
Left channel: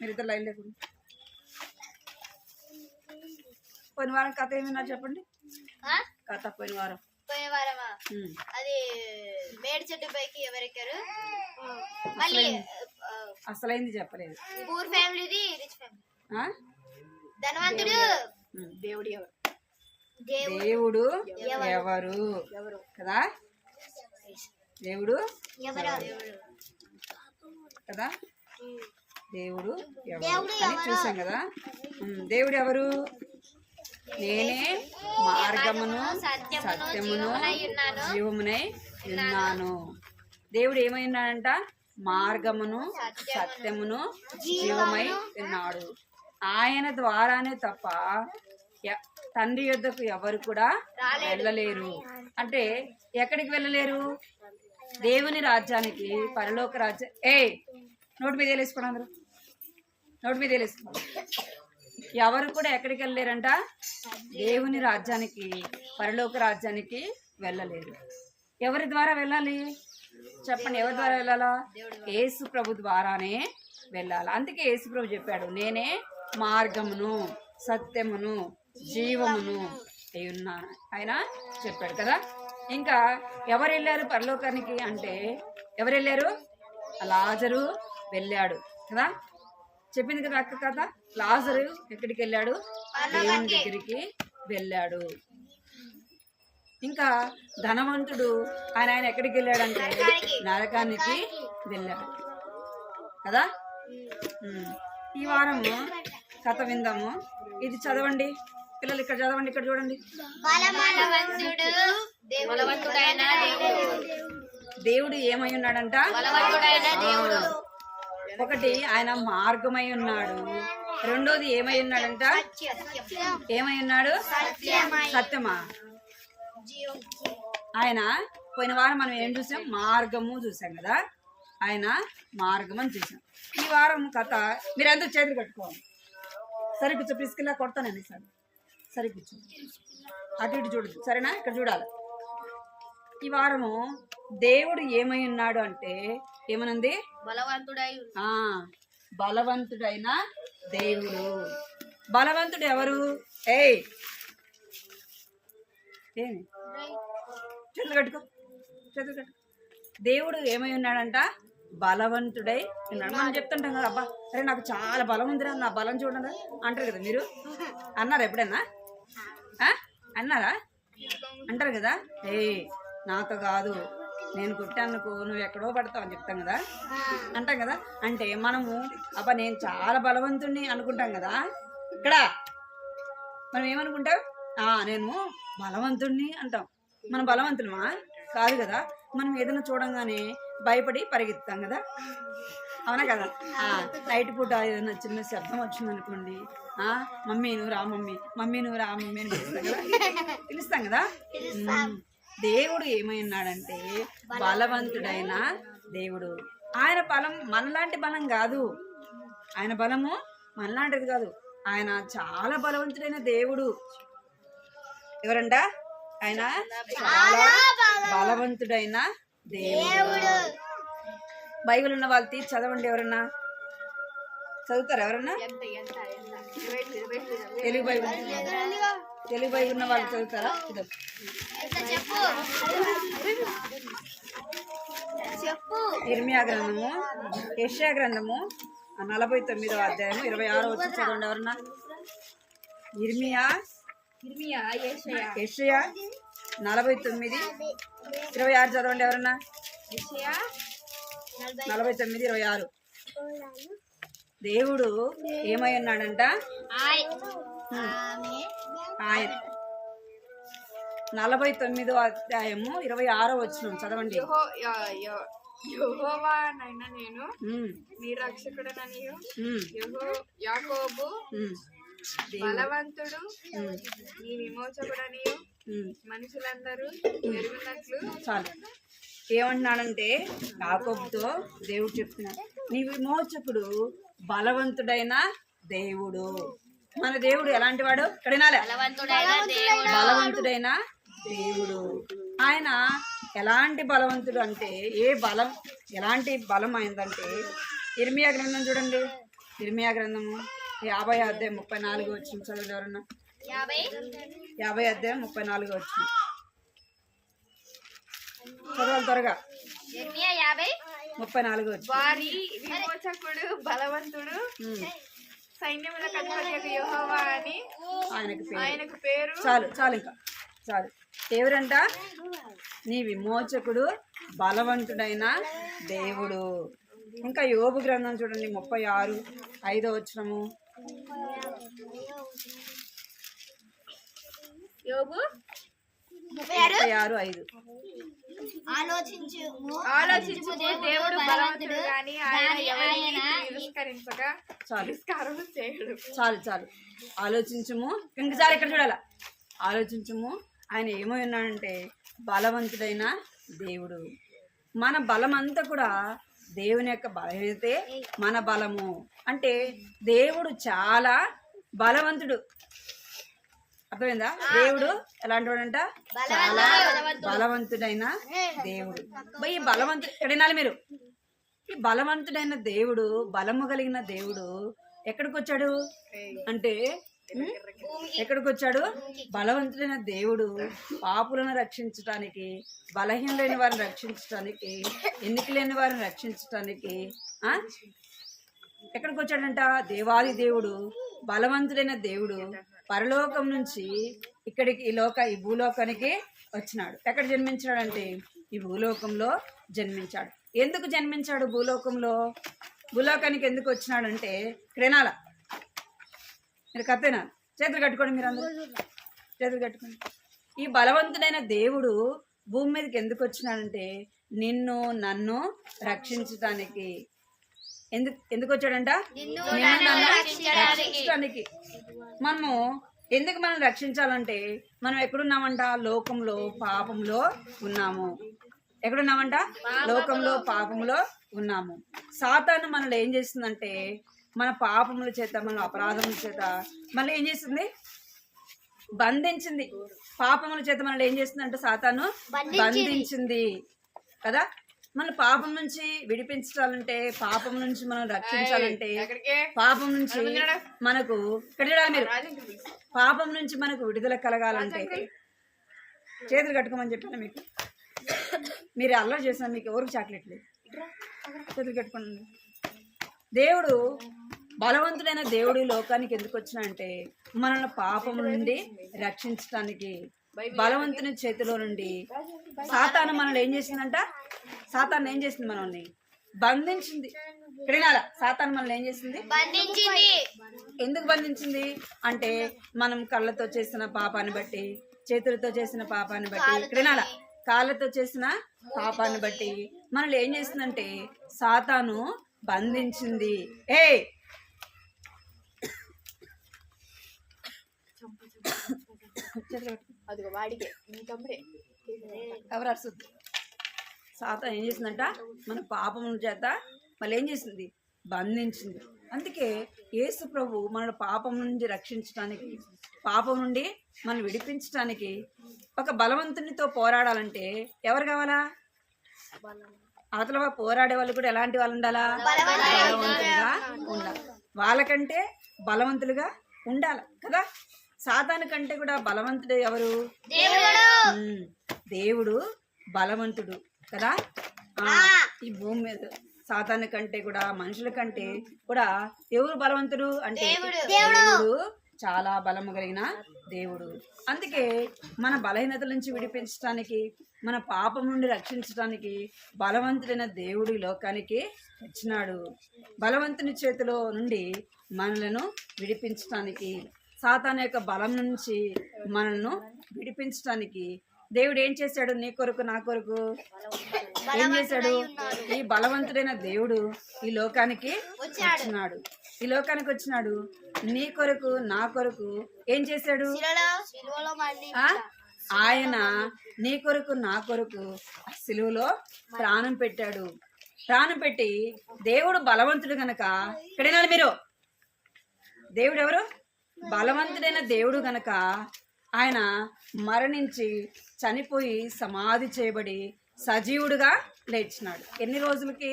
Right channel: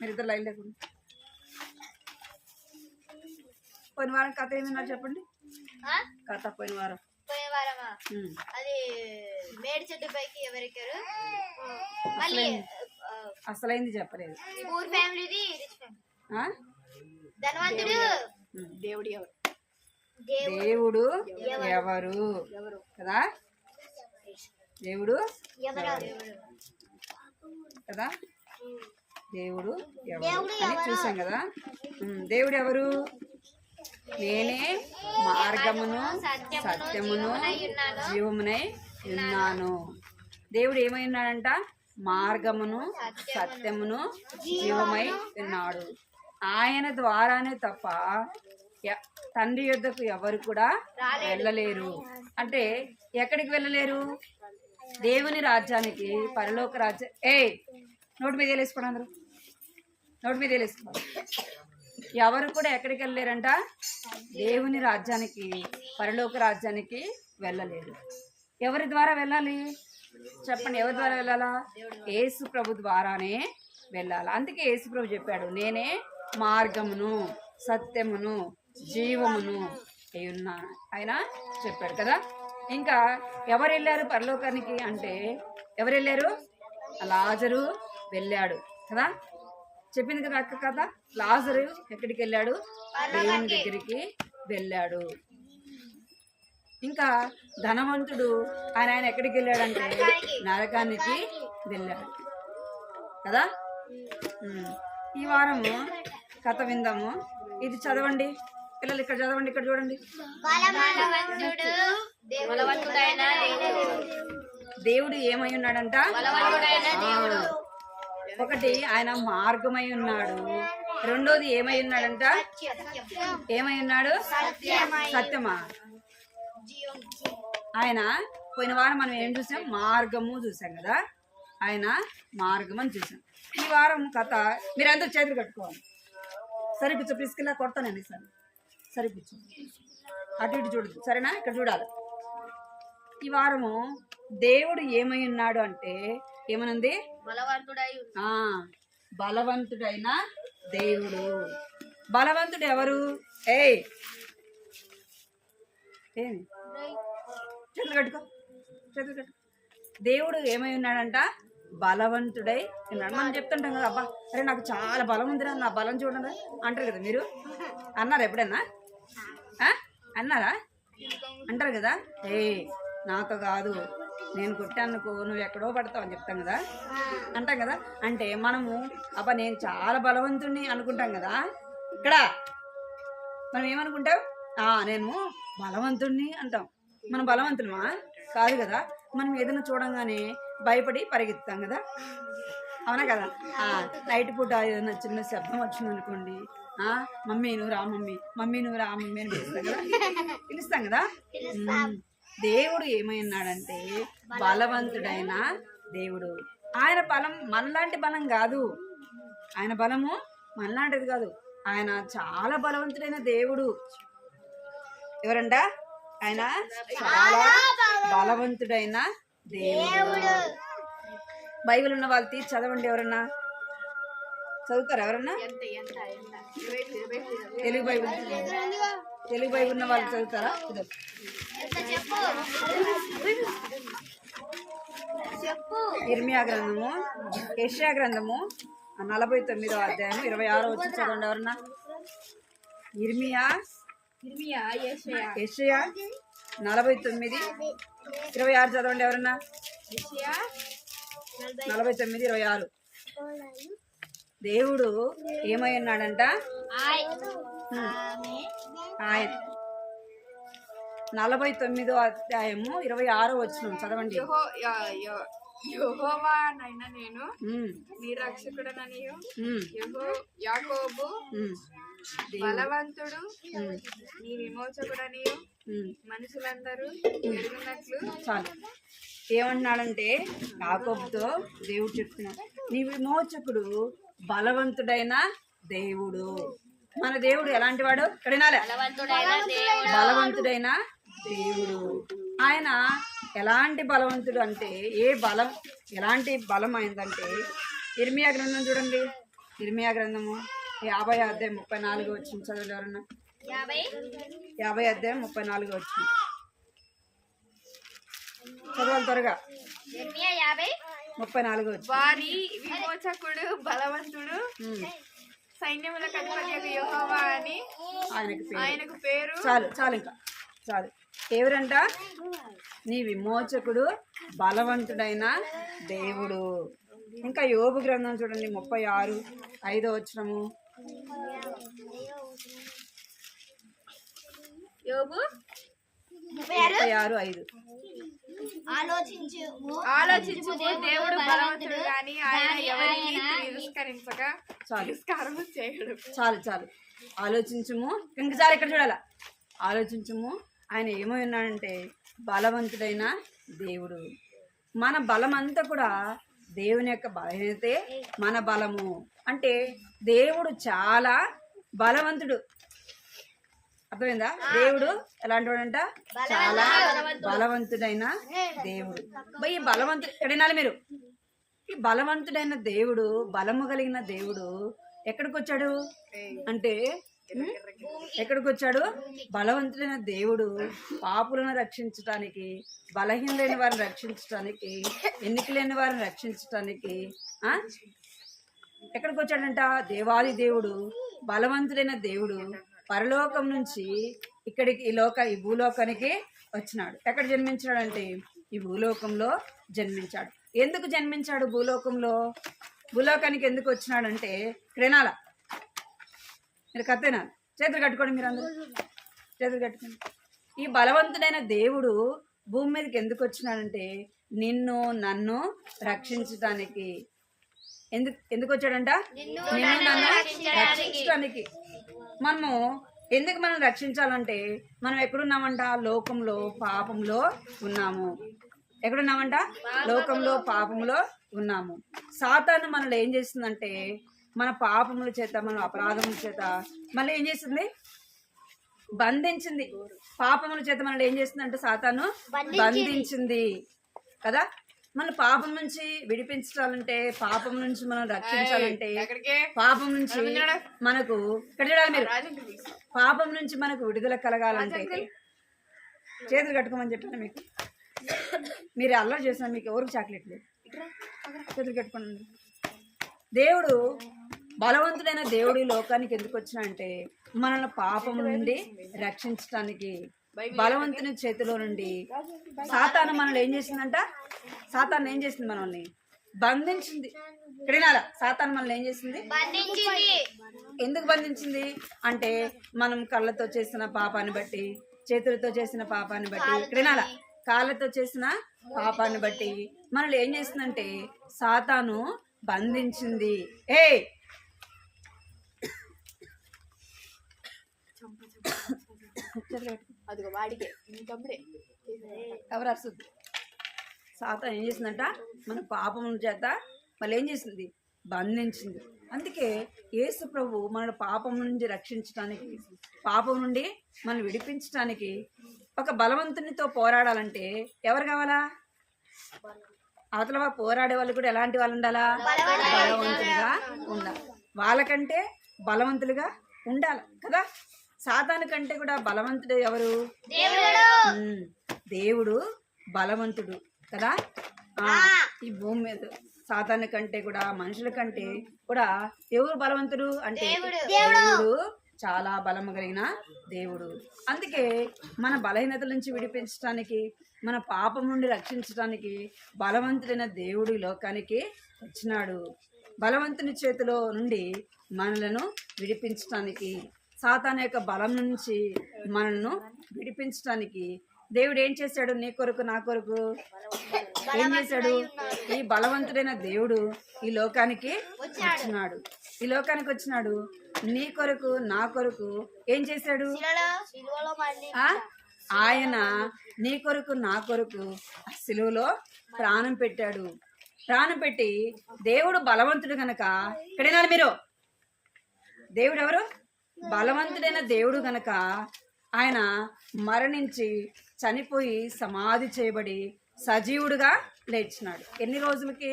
మీరిద్దరు లైన్ లేకుండా పోయిన వారం కథ ఏమన్నారు చెప్పండి కథ పోయిన వారం అది మేడి చెట్టు పైకి ఎవరెక్కారు? అసలైంది చెప్పలేదు. పూర్ ఫ్యామిలీది రిచ్ ఫ్యామిలీ. ధనవంతుడు దేవుడు ఎవరు కదా దేవుడు కదా దేవుడు ఎవరు అని చూసాం కదా. దేవుడు ఎవరు? నేనే మార్గమును సత్యమును జీవమునై ఉన్నాను. దేవుడు ఏమై ఉన్నాడంట? మార్గమును సత్యమును జీవమై ఉన్నాడు. ఆయన ద్వారానే తప్ప తండ్రి యొద్దకు ఎవరు కూడా వెళ్ళలేరు. అంటే ఎక్కడికి వెళ్ళలేరు? దేవుని రాజ్యానికి, పరలోక రాజ్యం. నోటి మీద వేసుకోండి, అందరూ నోటి మీద వేసుకోండి. ఎవరు కూడా ఎక్కడికి వెళ్ళలేరంట? దేవుని రాజ్యానికి, పరలోక రాజ్యానికి వెళ్ళలేరు. ఎవరి ద్వారా వెళ్ళాలి చెప్పండి? ఎవరి ద్వారా వెళ్ళాలా? యేసు ప్రభు ద్వారానే వెళ్ళాలి. అందుకే యేసు ప్రభు చెప్పాడు, నేనే మార్గమును సత్యమును జీవమును అయి ఉన్నాను ఆయన చెప్పాడు కదా. ఇంకా ఎవరు వెళ్ళారు పరలోకానికి అంటే? ఎవరు వెళ్ళారు? లాజరు వెళ్ళాడు కదా. చెప్పింది కదా అక్క కథ. లాజరు ఎక్కడికి వెళ్ళాడు? దేవుని దగ్గరికి వెళ్ళాడు. ఇంకా ధనవంతుడు ఆయన ఎక్కడికి వెళ్ళాడంటే నరకానికి వెళ్ళాడు కదా. ఈ వారము కథ విందాము. ఇది చదవండి. పిల్లలు ఇక్కడ చదవండి, ఇక్కడ చూడండి. దేవుడు ఏమై ఉన్నాడంట? ఒకటి ఆయన మార్గమై ఉన్నాడు, రెండోది ఏమై ఉన్నాడంట? ఏమై ఉన్నాడు? సత్యమా. ఆయన పోయిన వారం మనం ఏం చూసాం? మార్గము చూసాం కదా, ఆయన మార్గం అని చూసాం. ఈ వారం కథ మీరందరూ చేతులు కట్టుకోవాలి. సరే కూర్చో, ప్రిస్కిలా కొడతానండి. సరే సరే కూర్చో, అటు ఇటు చూడదు సరేనా, ఇక్కడ చూడాలి. ఈ వారము దేవుడు ఏమై ఉన్నాడు అంటే ఏమనుంది? బలవంతుడైన దేవుడు. బలవంతుడు ఎవరు? ఏమి చేతులు కట్టుకో, చేతులు కట్టుకో. దేవుడు ఏమై ఉన్నాడంట? బలవంతుడై ఉన్నాడు. మనం చెప్తుంటాం కదా, అబ్బా అరే నాకు చాలా బలం ఉందిరా, నా బలం చూడరా అంటారు కదా. మీరు అన్నారా ఎప్పుడైనా? అన్నారా? అంటారు కదా. నాతో కాదు, నేను కొట్టానుకో నువ్వు ఎక్కడో పడతావు అని చెప్తాం కదా, అంటాం కదా. అంటే మనము అబ్బా నేను చాలా బలవంతుణ్ణి అనుకుంటాం కదా. ఇక్కడ మనం ఏమనుకుంటాం? నేను బలవంతుణ్ణి అంటాం. మనం బలవంతులమా? కాదు కదా. మనం ఏదైనా చూడంగానే భయపడి పరిగెత్తాం కదా, అవునా కదా. నైట్ పూట ఏదైనా చిన్న శబ్దం వచ్చిందనుకోండి, మమ్మీ నువ్వు రా మమ్మీ, మమ్మీ నువ్వు రా మమ్మీ అని పిలుస్తాం కదా. దేవుడు ఏమై ఉన్నాడంటే బలవంతుడైన దేవుడు. ఆయన బలం మనలాంటి బలం కాదు, ఆయన బలము మనలాంటిది కాదు. ఆయన చాలా బలవంతుడైన దేవుడు. ఎవరంట? ఆయన చాలా బలవంతుడైన దేవుడు. బైబిల్ ఉన్న వాళ్ళు తీసి చదవండి. ఎవరన్నా చదువుతారా? ఎవరన్నా తెలుగు బైబిల్ ఉన్న వాళ్ళు చదువుతారా? ఇర్మియా గ్రంథము, యెషయా గ్రంథము 49వ అధ్యాయము 26వ వచనం చదవండి. ఎవరన్నా? ఇర్మియా, యెషయా 49:26 చదవండి. ఎవరన్నా? 49:26. దేవుడు ఏమై ఉన్నాడంట? ఆయన 49వ అధ్యాయము 26వ వచనం చదవండి. యెహోవానైన నేను నీ రక్షకుడననియు యాకోబు బలవంతుడు నీ విమోచకుడనియు మనుషులందరూ ఎరుగునట్లు. చాలు. ఏమంటున్నాడంటే యాకోబుతో దేవుడు చెప్తున్నాడు, నీ విమోచకుడు బలవంతుడైన దేవుడు. మన దేవుడు ఎలాంటి వాడు? కడినాలే, బలవంతుడైన దేవుడు. ఆయన ఎలాంటి బలవంతుడు అంటే ఎలాంటి బలం అయిందంటే ఇర్మియా గ్రంథం చూడండి. ఇర్మియా గ్రంథము 50వ అధ్యాయం 34వ వచనం చదవండి. ఎవరన్నా? 50వ అధ్యాయం 34వ వచనం చదవాలి త్వరగా. 34వ వచనం. వారి విమోచకుడు బలవంతుడు సైన్యములకు అధిపతి యెహోవా అని ఆయనకు పేరు. చాలు చాలు, ఇంకా చాలు. ఎవరంట? నీ విమోచకుడు బలవంతుడైన దేవుడు. ఇంకా యోబు గ్రంథం చూడండి 36:5 వచనము. యోబు 36:5. ఆలోచించుము దేవుడు బలవంతుడు గాని ఆయన ఎవరిని తిరస్కరించక తిరస్కారము చేయడు. చాలు చాలు. ఆలోచించుము. ఇంకసారి ఇక్కడ చూడాల. ఆలోచించుము. ఆయన ఏమో ఉన్నాడంటే బలవంతుడైన దేవుడు. మన బలం అంతా కూడా దేవుని యొక్క బలమైతే మన బలము. అంటే దేవుడు చాలా బలవంతుడు. అర్థమైందా? దేవుడు ఎలాంటి వాడంట? చాలా బలవంతుడైన దేవుడు. ఈ బలవంతుడు ఎక్కడైనా మీరు, ఈ బలవంతుడైన దేవుడు, బలము కలిగిన దేవుడు ఎక్కడికి వచ్చాడు అంటే ఎక్కడికి వచ్చాడు? బలవంతుడైన దేవుడు పాపులను రక్షించటానికి, బలహీనులైన వారిని రక్షించటానికి, ఎన్నిక లేని వారిని రక్షించటానికి ఎక్కడికి వచ్చాడంట? దేవాది దేవుడు, బలవంతుడైన దేవుడు పరలోకం నుంచి ఇక్కడికి ఈ భూలోకానికి వచ్చినాడు. ఎక్కడ జన్మించాడంటే ఈ భూలోకంలో జన్మించాడు. ఎందుకు జన్మించాడు భూలోకంలో? భూలోకానికి ఎందుకు వచ్చినాడంటే ఇక్కడేనాల మీరు కథేనా చేతులు కట్టుకోండి, మీరు అందరూ చేతులు కట్టుకోండి. ఈ బలవంతుడైన దేవుడు భూమి మీదకి ఎందుకు వచ్చినాడంటే నిన్ను నన్ను రక్షించటానికి. ఎందుకు వచ్చాడంట? నిన్ను నన్ను రక్షించటానికి. మనము ఎందుకు మనం రక్షించాలంటే మనం ఎక్కడున్నామంట? లోకంలో పాపంలో ఉన్నాము. ఎక్కడున్నామంట? లోకంలో పాపంలో ఉన్నాము. సాతాను మనల్ని ఏం చేస్తుందంటే మన పాపముల చేత, మన అపరాధముల చేత మనల్ని ఏం చేస్తుంది? బంధించింది. పాపముల చేత మనల్ని ఏం చేస్తుందంటే సాతాను బంధించింది కదా. మన పాపం నుంచి విడిపించాలంటే, పాపం నుంచి మనం రక్షించాలంటే, పాపం నుంచి మనకు ఇక్కడ చూడాలి మీరు, పాపం నుంచి మనకు విడుదల కలగాలంటే చేతులు కట్టుకోమని చెప్పాను మీకు. మీరు అల్లరి చేసిన మీకు ఎవరికి చాక్లెట్లు చేతులు కట్టుకోండి. దేవుడు బలవంతుడైన దేవుడు ఈ లోకానికి ఎందుకు వచ్చినా అంటే మనల్ని పాపం నుండి రక్షించడానికి. బలవంతుని చేతిలో నుండి సాతాను మనల్ని ఏం చేసిందంట? సాతాను ఏం చేసింది? మనల్ని బంధించింది. క్రీడాల సాతాను మనల్ని ఏం చేసింది? ఎందుకు బంధించింది అంటే మనం కళ్ళతో చేసిన పాపాన్ని బట్టి, చేతులతో చేసిన పాపాన్ని బట్టి, క్రీడాల కాళ్ళతో చేసిన పాపాన్ని బట్టి మనల్ని ఏం చేసిందంటే సాతాను బంధించింది. ఎవరు అరుస్తుంది? సాతాను ఏం చేసిందంట మన పాపం చేత మళ్ళీ ఏం చేసింది? బంధించింది. అందుకే యేసు ప్రభు మన పాపం నుండి రక్షించడానికి, పాపం నుండి మనం విడిపించడానికి ఒక బలవంతునితో పోరాడాలంటే ఎవరు కావాలా? అవతల పోరాడే వాళ్ళు కూడా ఎలాంటి వాళ్ళు ఉండాలా? బలవంతులుగా ఉండాలి. వాళ్ళకంటే బలవంతులుగా ఉండాలి కదా. సాతాను కంటే కూడా బలవంతుడు ఎవరు? దేవుడు బలవంతుడు కదా. ఈ భూమి మీద సాతాను కంటే కూడా, మనుషుల కంటే కూడా ఎవరు బలవంతుడు అంటే దేవుడు చాలా బలము కలిగిన దేవుడు. అందుకే మన బలహీనతల నుంచి విడిపించడానికి, మన పాపం నుండి రక్షించడానికి బలవంతుడైన దేవుడు ఈ లోకానికి వచ్చినాడు. బలవంతుని చేతిలో నుండి మనలను విడిపించడానికి, సాతాను యొక్క బలం నుంచి మనల్ని విడిపించడానికి దేవుడు ఏం చేశాడు? నీ కొరకు, నా కొరకు ఏం చేశాడు? ఈ బలవంతుడైన దేవుడు ఈ లోకానికి వచ్చినాడు. ఈ లోకానికి వచ్చినాడు నీ కొరకు, నా కొరకు ఏం చేశాడు? ఆయన నీ కొరకు, నా కొరకు ఆ సిలువలో ప్రాణం పెట్టాడు. ప్రాణం పెట్టి దేవుడు బలవంతుడు గనక, ఇక్కడేనా మీరు? దేవుడు ఎవరు? బలవంతుడైన దేవుడు గనక ఆయన మరణించి చనిపోయి సమాధి చేయబడి సజీవుడుగా లేచినాడు. ఎన్ని రోజులకి?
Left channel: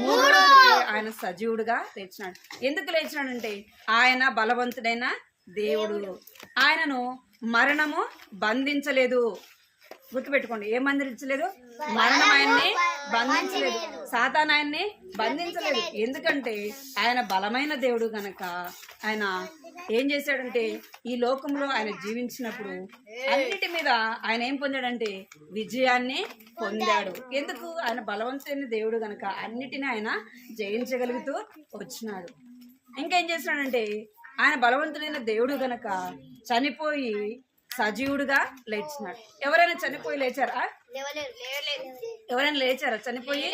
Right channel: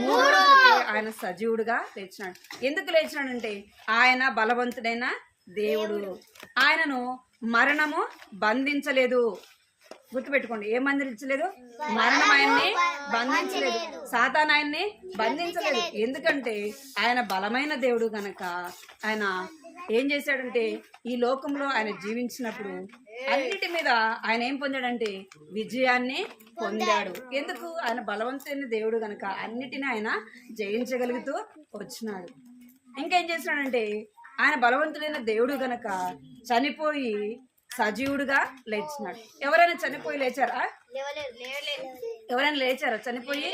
3 రోజులకి ఆయన సజీవుడుగా లేచినాడు. ఎందుకు లేచినాడంటే ఆయన బలవంతుడైన దేవుడు. ఆయనను మరణము బంధించలేదు. గుర్తుపెట్టుకోండి, ఏం బంధించలేదు? మరణం ఆయన్ని బంధించలేదు. సాతాను ఆయన్ని బంధించలేదు. ఎందుకంటే ఆయన బలమైన దేవుడు గనక ఆయన ఏం చేశాడంటే ఈ లోకంలో ఆయన జీవించినప్పుడు అన్నిటి మీద ఆయన ఏం పొందాడంటే విజయాన్ని పొందాడు. ఎందుకు? ఆయన బలవంతైన దేవుడు గనక అన్నిటిని ఆయన జయించగలుగుతూ వచ్చినాడు. ఇంకేం చేసినాడంటే ఆయన బలవంతుడైన దేవుడు గనక చనిపోయి సజీవుడుగా లేచినాడు. ఎవరైనా చనిపోయి లేచారా? ఎవరైనా లేచారా చనిపోయి?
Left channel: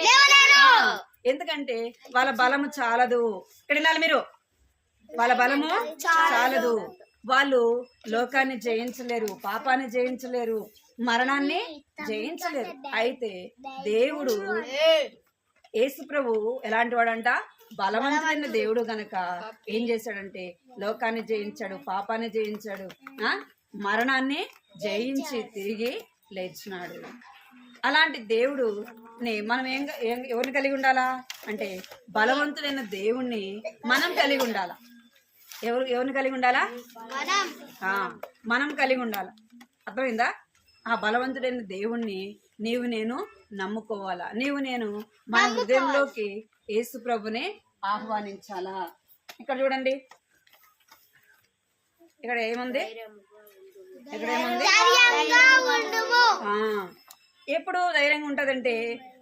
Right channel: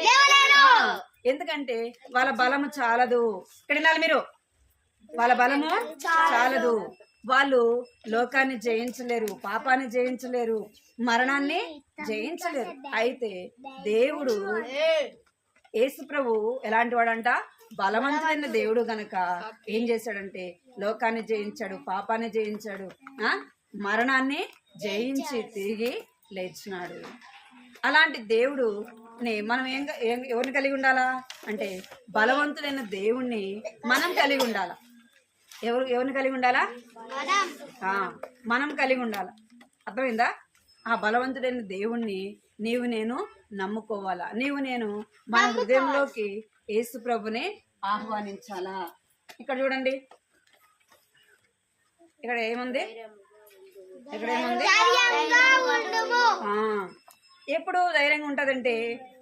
ఎందుకంటే వాళ్ళ బలము చాలదు. ఇక్కడ వినాలి మీరు, వాళ్ళ బలము చాలదు. వాళ్ళు లోకాన్ని జయించలేరు, పాపాన్ని జయించలేరు, మరణాన్ని జయించలేరు. అయితే దేవుడు యేసు ప్రభు ఎలాంటి వాడంట? బలవంతుడైన దేవుడు గనక ఏం చేశాడంటే లోకాన్ని జయించాడు, పాపాన్ని జయించాడు, మరణాన్ని జయించి తిరిగి లేచినాడు. అలాంటి దేవుడు మనం ఎవరిని కలిగి ఉండాలా అంటే బలవంతుడైన దేవుణ్ణి మనం కలిగి ఉండాలా. ఎవరిని కలిగి ఉండాలా? మనం కలిగి ఉండాలా. అర్థమైందా? ఆ బలవంతుడైన దేవుణ్ణి నీవు నేను నమ్ముకోవాలా. నీవు నేను మన హృదయంలోకి యేసు ప్రభుని ఆహ్వానించాలా. ఇక్కడ చూడండి, ఇక్కడ ఏముంది? ఇక్కడ ఏముంది? ఎప్పుడు ధైర్యంగా ఉంటదంటే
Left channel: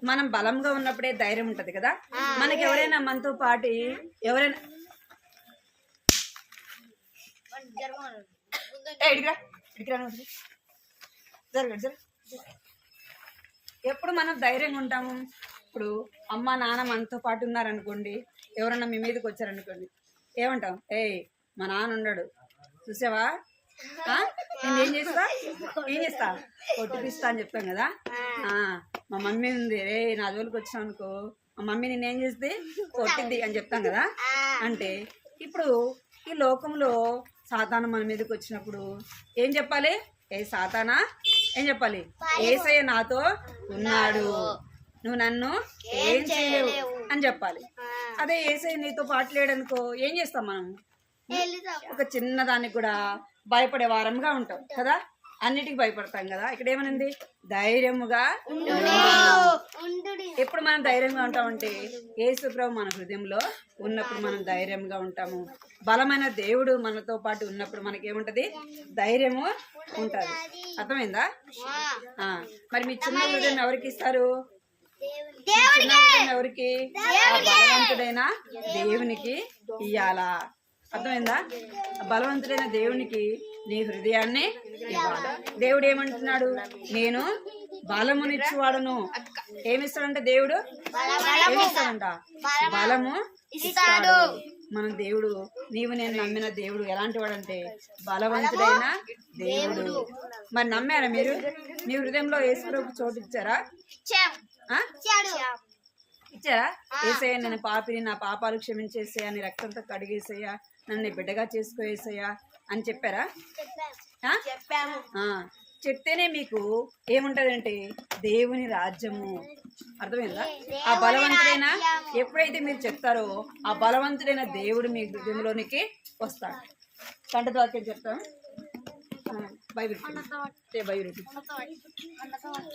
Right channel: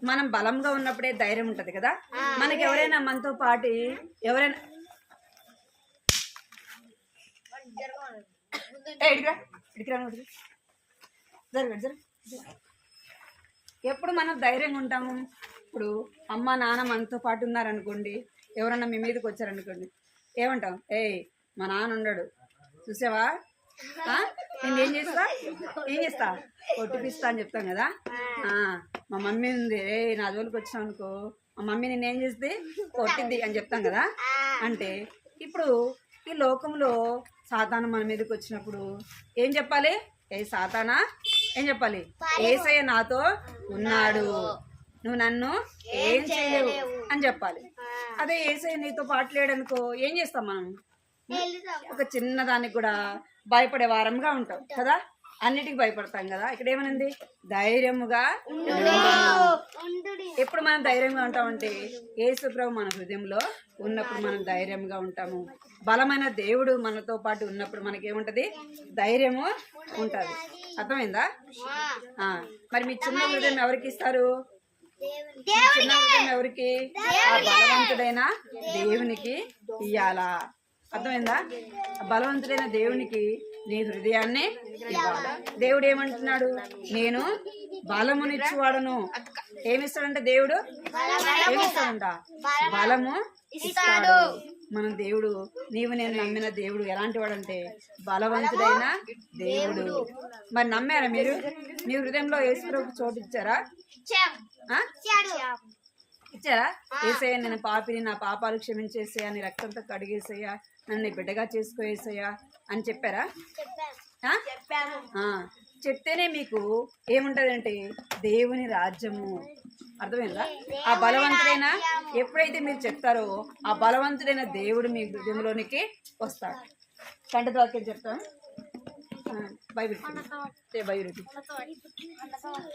మనం బలంగా ఉన్నప్పుడే ధైర్యం ఉంటది కదా. మనకి ఎవరైనా మనతో పాటు ఎవరైనా ఇడికిరా జరగ ఎప్పుడు మనం ధైర్యంగా ఉంటాము. ఇప్పుడు అమ్మ నాన్న మనతో పాటు ఉన్నారనుకోండి, ఎవరన్నా మీ మీదకి వచ్చారనుకోండి, ఏమంటాం? మా నాన్న ఉన్నాడు చూసావా, నేను ఏం చేస్తా కొట్టిపిస్తా అని చెప్తాం కదా. మా మమ్మీ ఉంది, నా జోలికి వచ్చినావు అనుకో, మా మమ్మీ నేనేం చేస్తే కొట్టిద్ది అని చెప్తాం కదా. అంటే ఇప్పుడు ఈ లోకంలో సాతాను మన మీదకి వచ్చినప్పుడు ఏం చెప్పాలి? సాతానా ఏం చెప్పాలి? యేసయ్య నాతో ఉన్నాడు, నువ్వు నన్ను ఏం చేయలేవు అని చెప్పాలి. అదే యేసయ్య నీతో పాటు లేడనుకో ఏం చేస్తాం మనం? ఒక చిన్న దానికి కూడా భయపడే వారంగా ఉంటాం కదా, అన్నిటికీ భయపడతాం కదా. ఇక్కడ ఏమనింది? ధైర్యముగా. ఎప్పుడు మనం ధైర్యంగా ఉంటామంటే యేసు ప్రభు మన హృదయంలో ఉన్నప్పుడు మనం ధైర్యంగా ఉంటాము. బలమైన దేవుడు మనతో పాటు ఉన్నప్పుడు మనకేముంటది? ధైర్యము ఉంటుంది. అర్థమైందా? మరి మీ చిన్న హృదయం ఎవరికి ఇస్తారు? చిన్న హృదయం ఎవరికి? ఆ బలవంతుడైన దేవునికి ఇయ్యాలా. అర్థమైందా? బలవంతుడైన దేవునికి నీ హృదయాన్ని ఇవ్వాలి. దేవుడు ఏమంటున్నాడు? నేను బలమునిచ్చువాడను. ఏమిస్తాడంట దేవుడు? ఏమిస్తాడంట? బలము ఇస్తాడు. మన దేవుడు, నీవు నేను నమ్మిన దేవుడు ఎలాంటి వాడంటే బలవంతుడైన దేవుడు. మరి నమ్మారా మీరు? మీ హృదయంలో యేసుప్రభుకు చోటు ఇచ్చారా? ఇచ్చారా? యేసయ్యా నేను పాపిని, నా పాపాలు క్షమించేసేయా, నీ రక్తంతో కడిగేసేయా, నన్ను బిడ్డగా చేసుకోవేసయ్యా అని చెప్పారా? చెప్తేనే మీకు ఏముంటదంటే దేవుని రాజ్యము. అర్థమైందా? ఆ బలవంతుడైన ఎప్పుడైతే మీరు చెప్తారో ఆ బలవంతుడైన దేవుడు మీ హృదయంలోనికి వస్తాడు. కంటత వాక్యం చెప్తాం. బైబిల్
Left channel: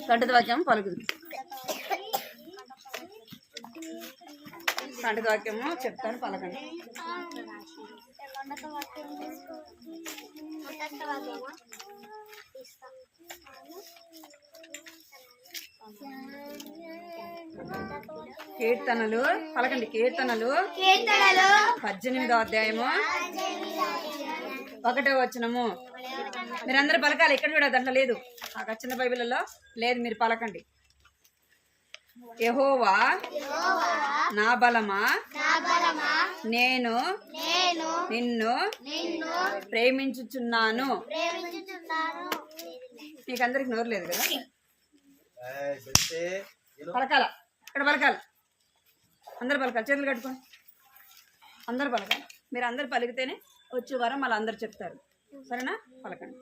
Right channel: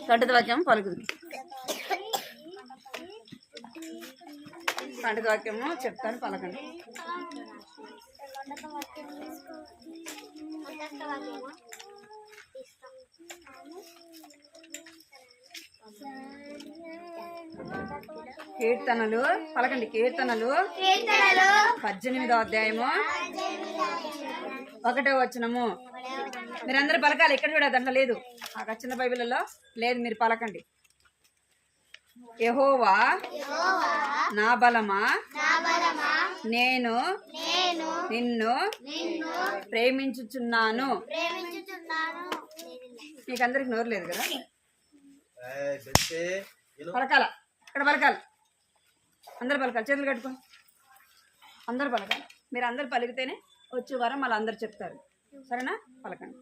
కంటత వాక్యం పలుకుతుంది. కంటత వాక్యము చెప్తాను, పలకండి. కీర్తనలు పలకండి. కీర్తనలు 18వ అధ్యాయము 1వ వచనము. మీరందరూ పలకాలి. ఎక్కడ చూడ దాంట్లో లేదు, ఆ చిన్న బైబిల్లో లేదు, మీరు పలకండి. యెహోవా నా బలమా, నేను నిన్ను ప్రేమించుచున్నాను. మీకందరికి నోరు లేదు కదా, పలకాల. ఇక్కడ పలకాల, అందరు పలకాలి. చేతులు కట్టుకోండి, అందరు పలకాలి. మీరు అందరు పలికితేనే వచ్చే వారం మళ్ళీ అందరు చెప్తారు. సరేనా? పలకండి.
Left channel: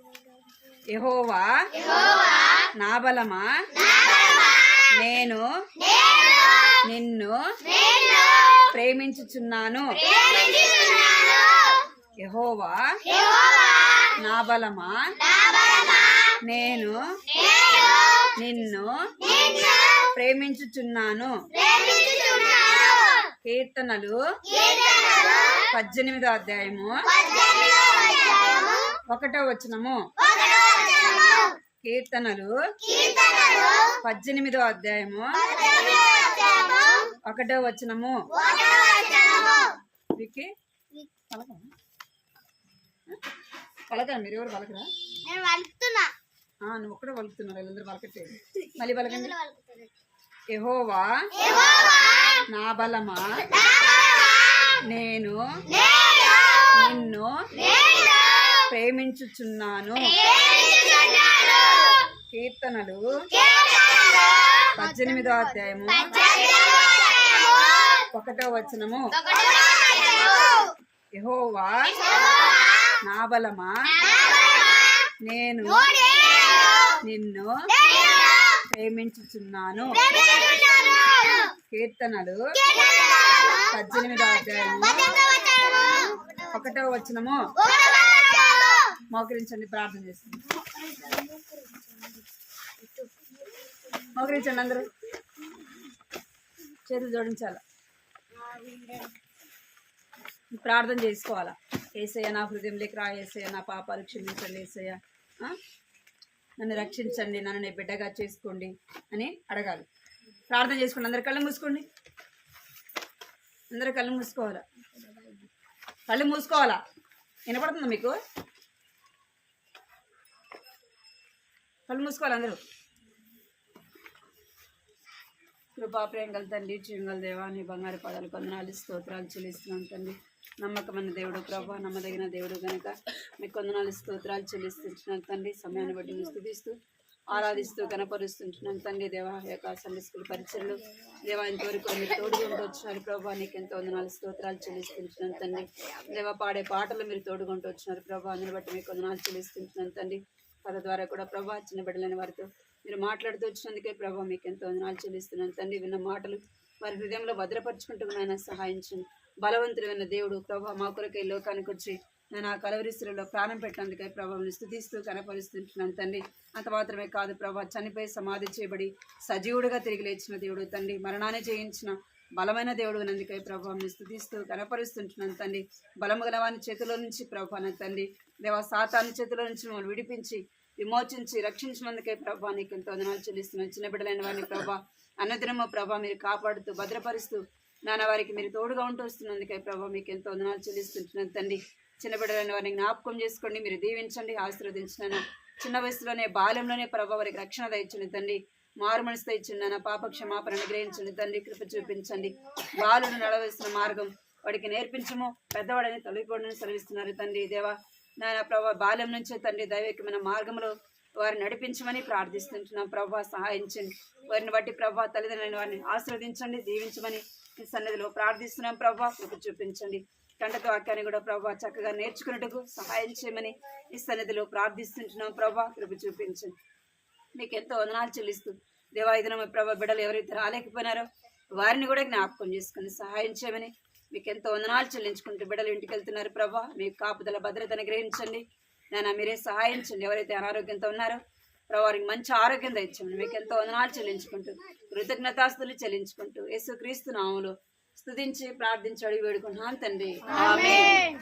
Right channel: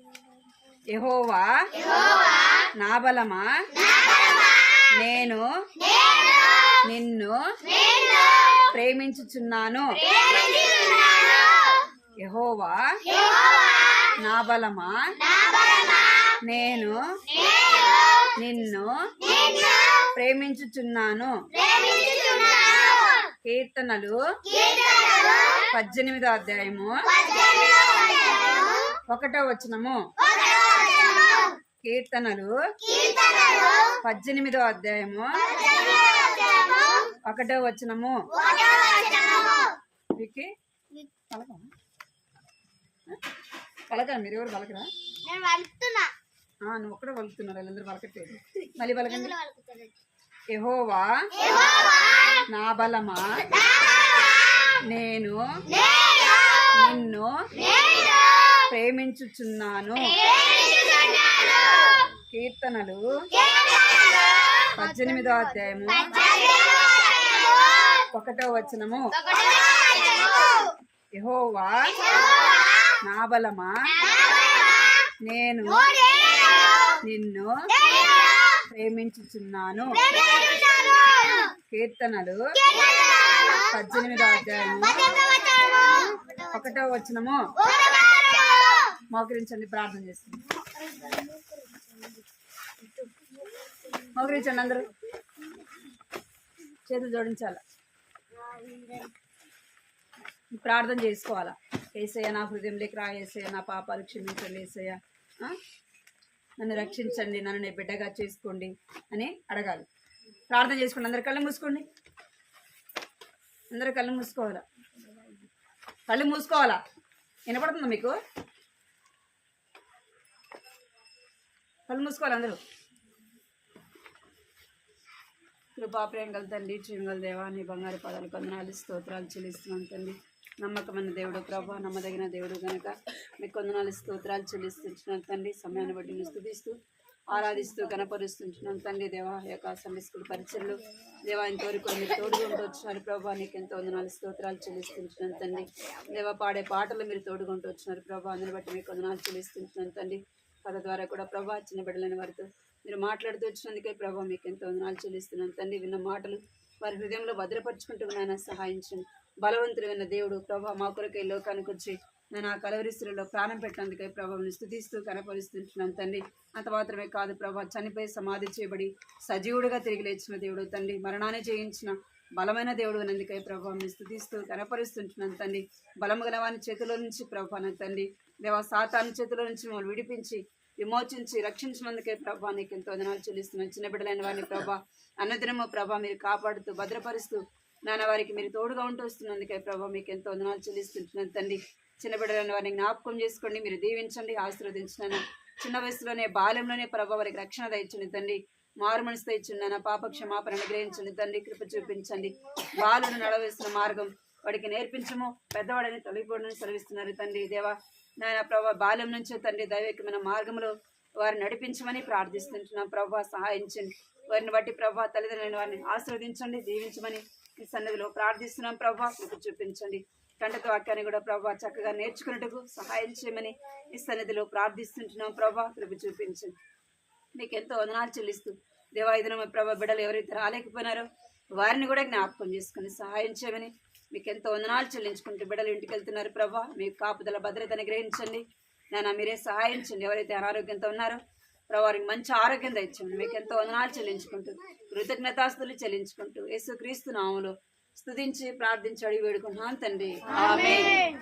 యెహోవా నా బలమా, నేను నిన్ను ప్రేమించుచున్నాను. యెహోవా నా బలమా, నేను నిన్ను ప్రేమించుచున్నాను. కీర్తనలు 18వ అధ్యాయము 1వ వచనము. కీర్తనలు 18వ అధ్యాయము 1వ వచనము. పలకరా? మీరు ఎవరు పలకరా? నువ్వు ఒక్కడే పలుకుతున్నారు, వీళ్ళందరూ పలకట్లేదు. మళ్ళీ పలకండి. యెహోవా నా బలమా, నేను నిన్ను ప్రేమించుచున్నాను. కీర్తనలు 18వ అధ్యాయము 1వ వచనము. యెహోవా నా బలమా, నేను నిన్ను ప్రేమించుచున్నాను. కీర్తనలు 18వ అధ్యాయము 1వ వచనము. మోకరించండి, ప్రార్థన చేస్తుంది. మోకరించండి, అందరూ చేతులు జోడించాల, ప్రార్థన చేసుకోవాలా. యేసయ్య నా హృదయంలోకి రా, యేసయ్య నా పాపాలు క్షమించండి, యేసయ్య నన్ను రక్షించండి, నన్ను నీ బిడ్డగా చేసుకోండి అని అడగాలి. ప్రార్థన చేసుకోండి. అందరు కళ్ళు మూసుకోండి, అందరు కళ్ళు మూసుకోవాలా, కళ్ళు మూసుకోవాలా. వినపడుతుందా మీకు? కళ్ళు మూసుకోవాలి అందరూ. కృపా ప్రేమగల తండ్రి, జీవగల దేవా, నీ బంగారు పదాలు కొందనాలు స్తోత్రాలు చెల్లిస్తున్నాం తండ్రి. నమ్మకమైన దేవుడు ప్రభా, నమ్మదగిన దేవుడు కనుక మీకు కొందనాలు స్తోత్రాలు చెల్లిస్తున్నాం తండ్రి. సమయాన్ని బట్టి మీరు స్తుతిస్తూ ఆరాధిస్తూ కనపరుస్తుంటున్నాం తండ్రి. దేవా యొక్క సండే స్కూల్ పరిచయలు దేవా ఇంతవరకు మీరు తోడుగా వచ్చినారు ప్రభా, నీకు ఎంతో వందనాలు స్తోత్రాలు చెల్లిస్తుంటున్నాం తండ్రి. దేవా పాడే పాటలు మీరు తోడుగా వచ్చినారు ప్రభా, అందుని బట్టి మీకు వందనాలు చెల్లిస్తుంటున్నాం తండ్రి. కథ ద్వారా కూడా ప్రభా చిన్న బిడ్డలైన వారితో మీరు మాట్లాడుతూ వచ్చినందుకే ప్రభా మీకు ఎంతో వందనాలు చెల్లిస్తున్నాను తండ్రి. విన్న మాటలు వారి హృదయంలో భద్రపరుచుకుంటూ నాయన సహాయించండి. బలవంతుడైన దేవుడు ప్రభా మా కొరకై లోకానికి వచ్చి నేను ఆ కలవరిస్తులలో ప్రాణం పెట్టినందుకై ప్రభావం స్తుతిస్తూ కనపరుస్తుంటున్నాను తండ్రి. అంత మాత్రమే కాదు ప్రభా, చనిపోయి సమాధి చేయబడి సజీవుడిగా తిరిగి లేచిన దేవుడు తండ్రి, మరణాన్ని జయించిన బలమైన దేవుడు అందుకై ప్రభావం స్తుతిస్తూ కనపరుస్తుంటున్నాను తండ్రి. బలము గల వాని చేతిలో నుంచి ప్రభా నా తండ్రి, దేవా సాతాను చేతిలో నుంచి మమ్మల్ని విడిపించి విమోచించి రక్షించినందుకై ప్రభా నీకు ఎంతో వందనాలు చెల్లిస్తున్నాను. చిన్న బిడ్డలైన వారిని ప్రభా అన్నదినము ప్రభా మీరు కాపాడుతూ భద్రపరుస్తూ నాన్న వారికి మీరు తోడుగా ఉంటూ వస్తున్నందుకై ప్రభా మీకు ఎంతో వందనాలు చెల్లిస్తుంటున్నాను తండ్రి. చిన్న బిడ్డలైన వారిని జ్ఞాపకం చేసుకోండి, మీరు దీవించండి, ఆశీర్వదించిన చిన్న వయసులోనే బాల్యంలోనే ప్రభా వారికి రక్షణ దయచండి తండ్రి. మారు మనసు తెచ్చిండి, పాప క్షమాపణ అనుగ్రహించండి తండ్రి. కృప చూపించండి. బాలుడు నడవలసిన మార్గం వాడికి నేర్పించము, పెద్దవాడని తొలగిపోవడని సెలవిస్తున్నారు తండ్రి. దేవా నాయన ప్రభా బాల్యం నుంచే తండ్రి దైవికమైన మార్గంలో వారిని నడిపించమని ప్రార్థిస్తుంటున్నాం ప్రభా. సహాయించండి. వారిని బట్టి ప్రభా తల్లిదండ్రులైన వారిని ఆశీర్వదించండి, దీవించమని ఈ సన్నిధిలో ప్రార్థిస్తున్నాం ప్రభా. కృప చూపించండి. కంటతో వాక్యాన్ని కూడా ప్రభా చక్కగా నేర్చుకున్నట్టుకు సహాయం చేయమని ఈ సన్నిధిలో ప్రార్థిస్తుంటున్నాం ప్రభా. కృప చూపించండి. మీకు ఎంతో వందనాలు చెల్లిస్తూ దేవా ఈ దినం ప్రభా బిడ్డలు ఎవరైతే రాలేకపోయినారో వారిని కూడా జ్ఞాపకం చేసుకుని సహాయం చేయమని మీకు ఎంతో వందనాలు చెల్లించుకుంటూ బిడ్డలు ఇంటికి వెళ్తున్నారు ప్రభా. మీకు కాపుదల భద్రతను గ్రహించండి నాన్న, మీరే సహాయించండి. ఎవరైతే అనారోగ్యంతో ఉన్నారో ప్రభా వారికి మంచి ఆరోగ్యం దయచండి. మీకు ఎంతో వందనాలు చెల్లించుకుంటూ కృతజ్ఞతాస్తులు చెల్లించుకుంటూ యేసుక్రీస్తు నామములో స్తుతించి ప్రార్థించి అడిగి వేడుకుంటున్నాను తండ్రి. ఆమేన్.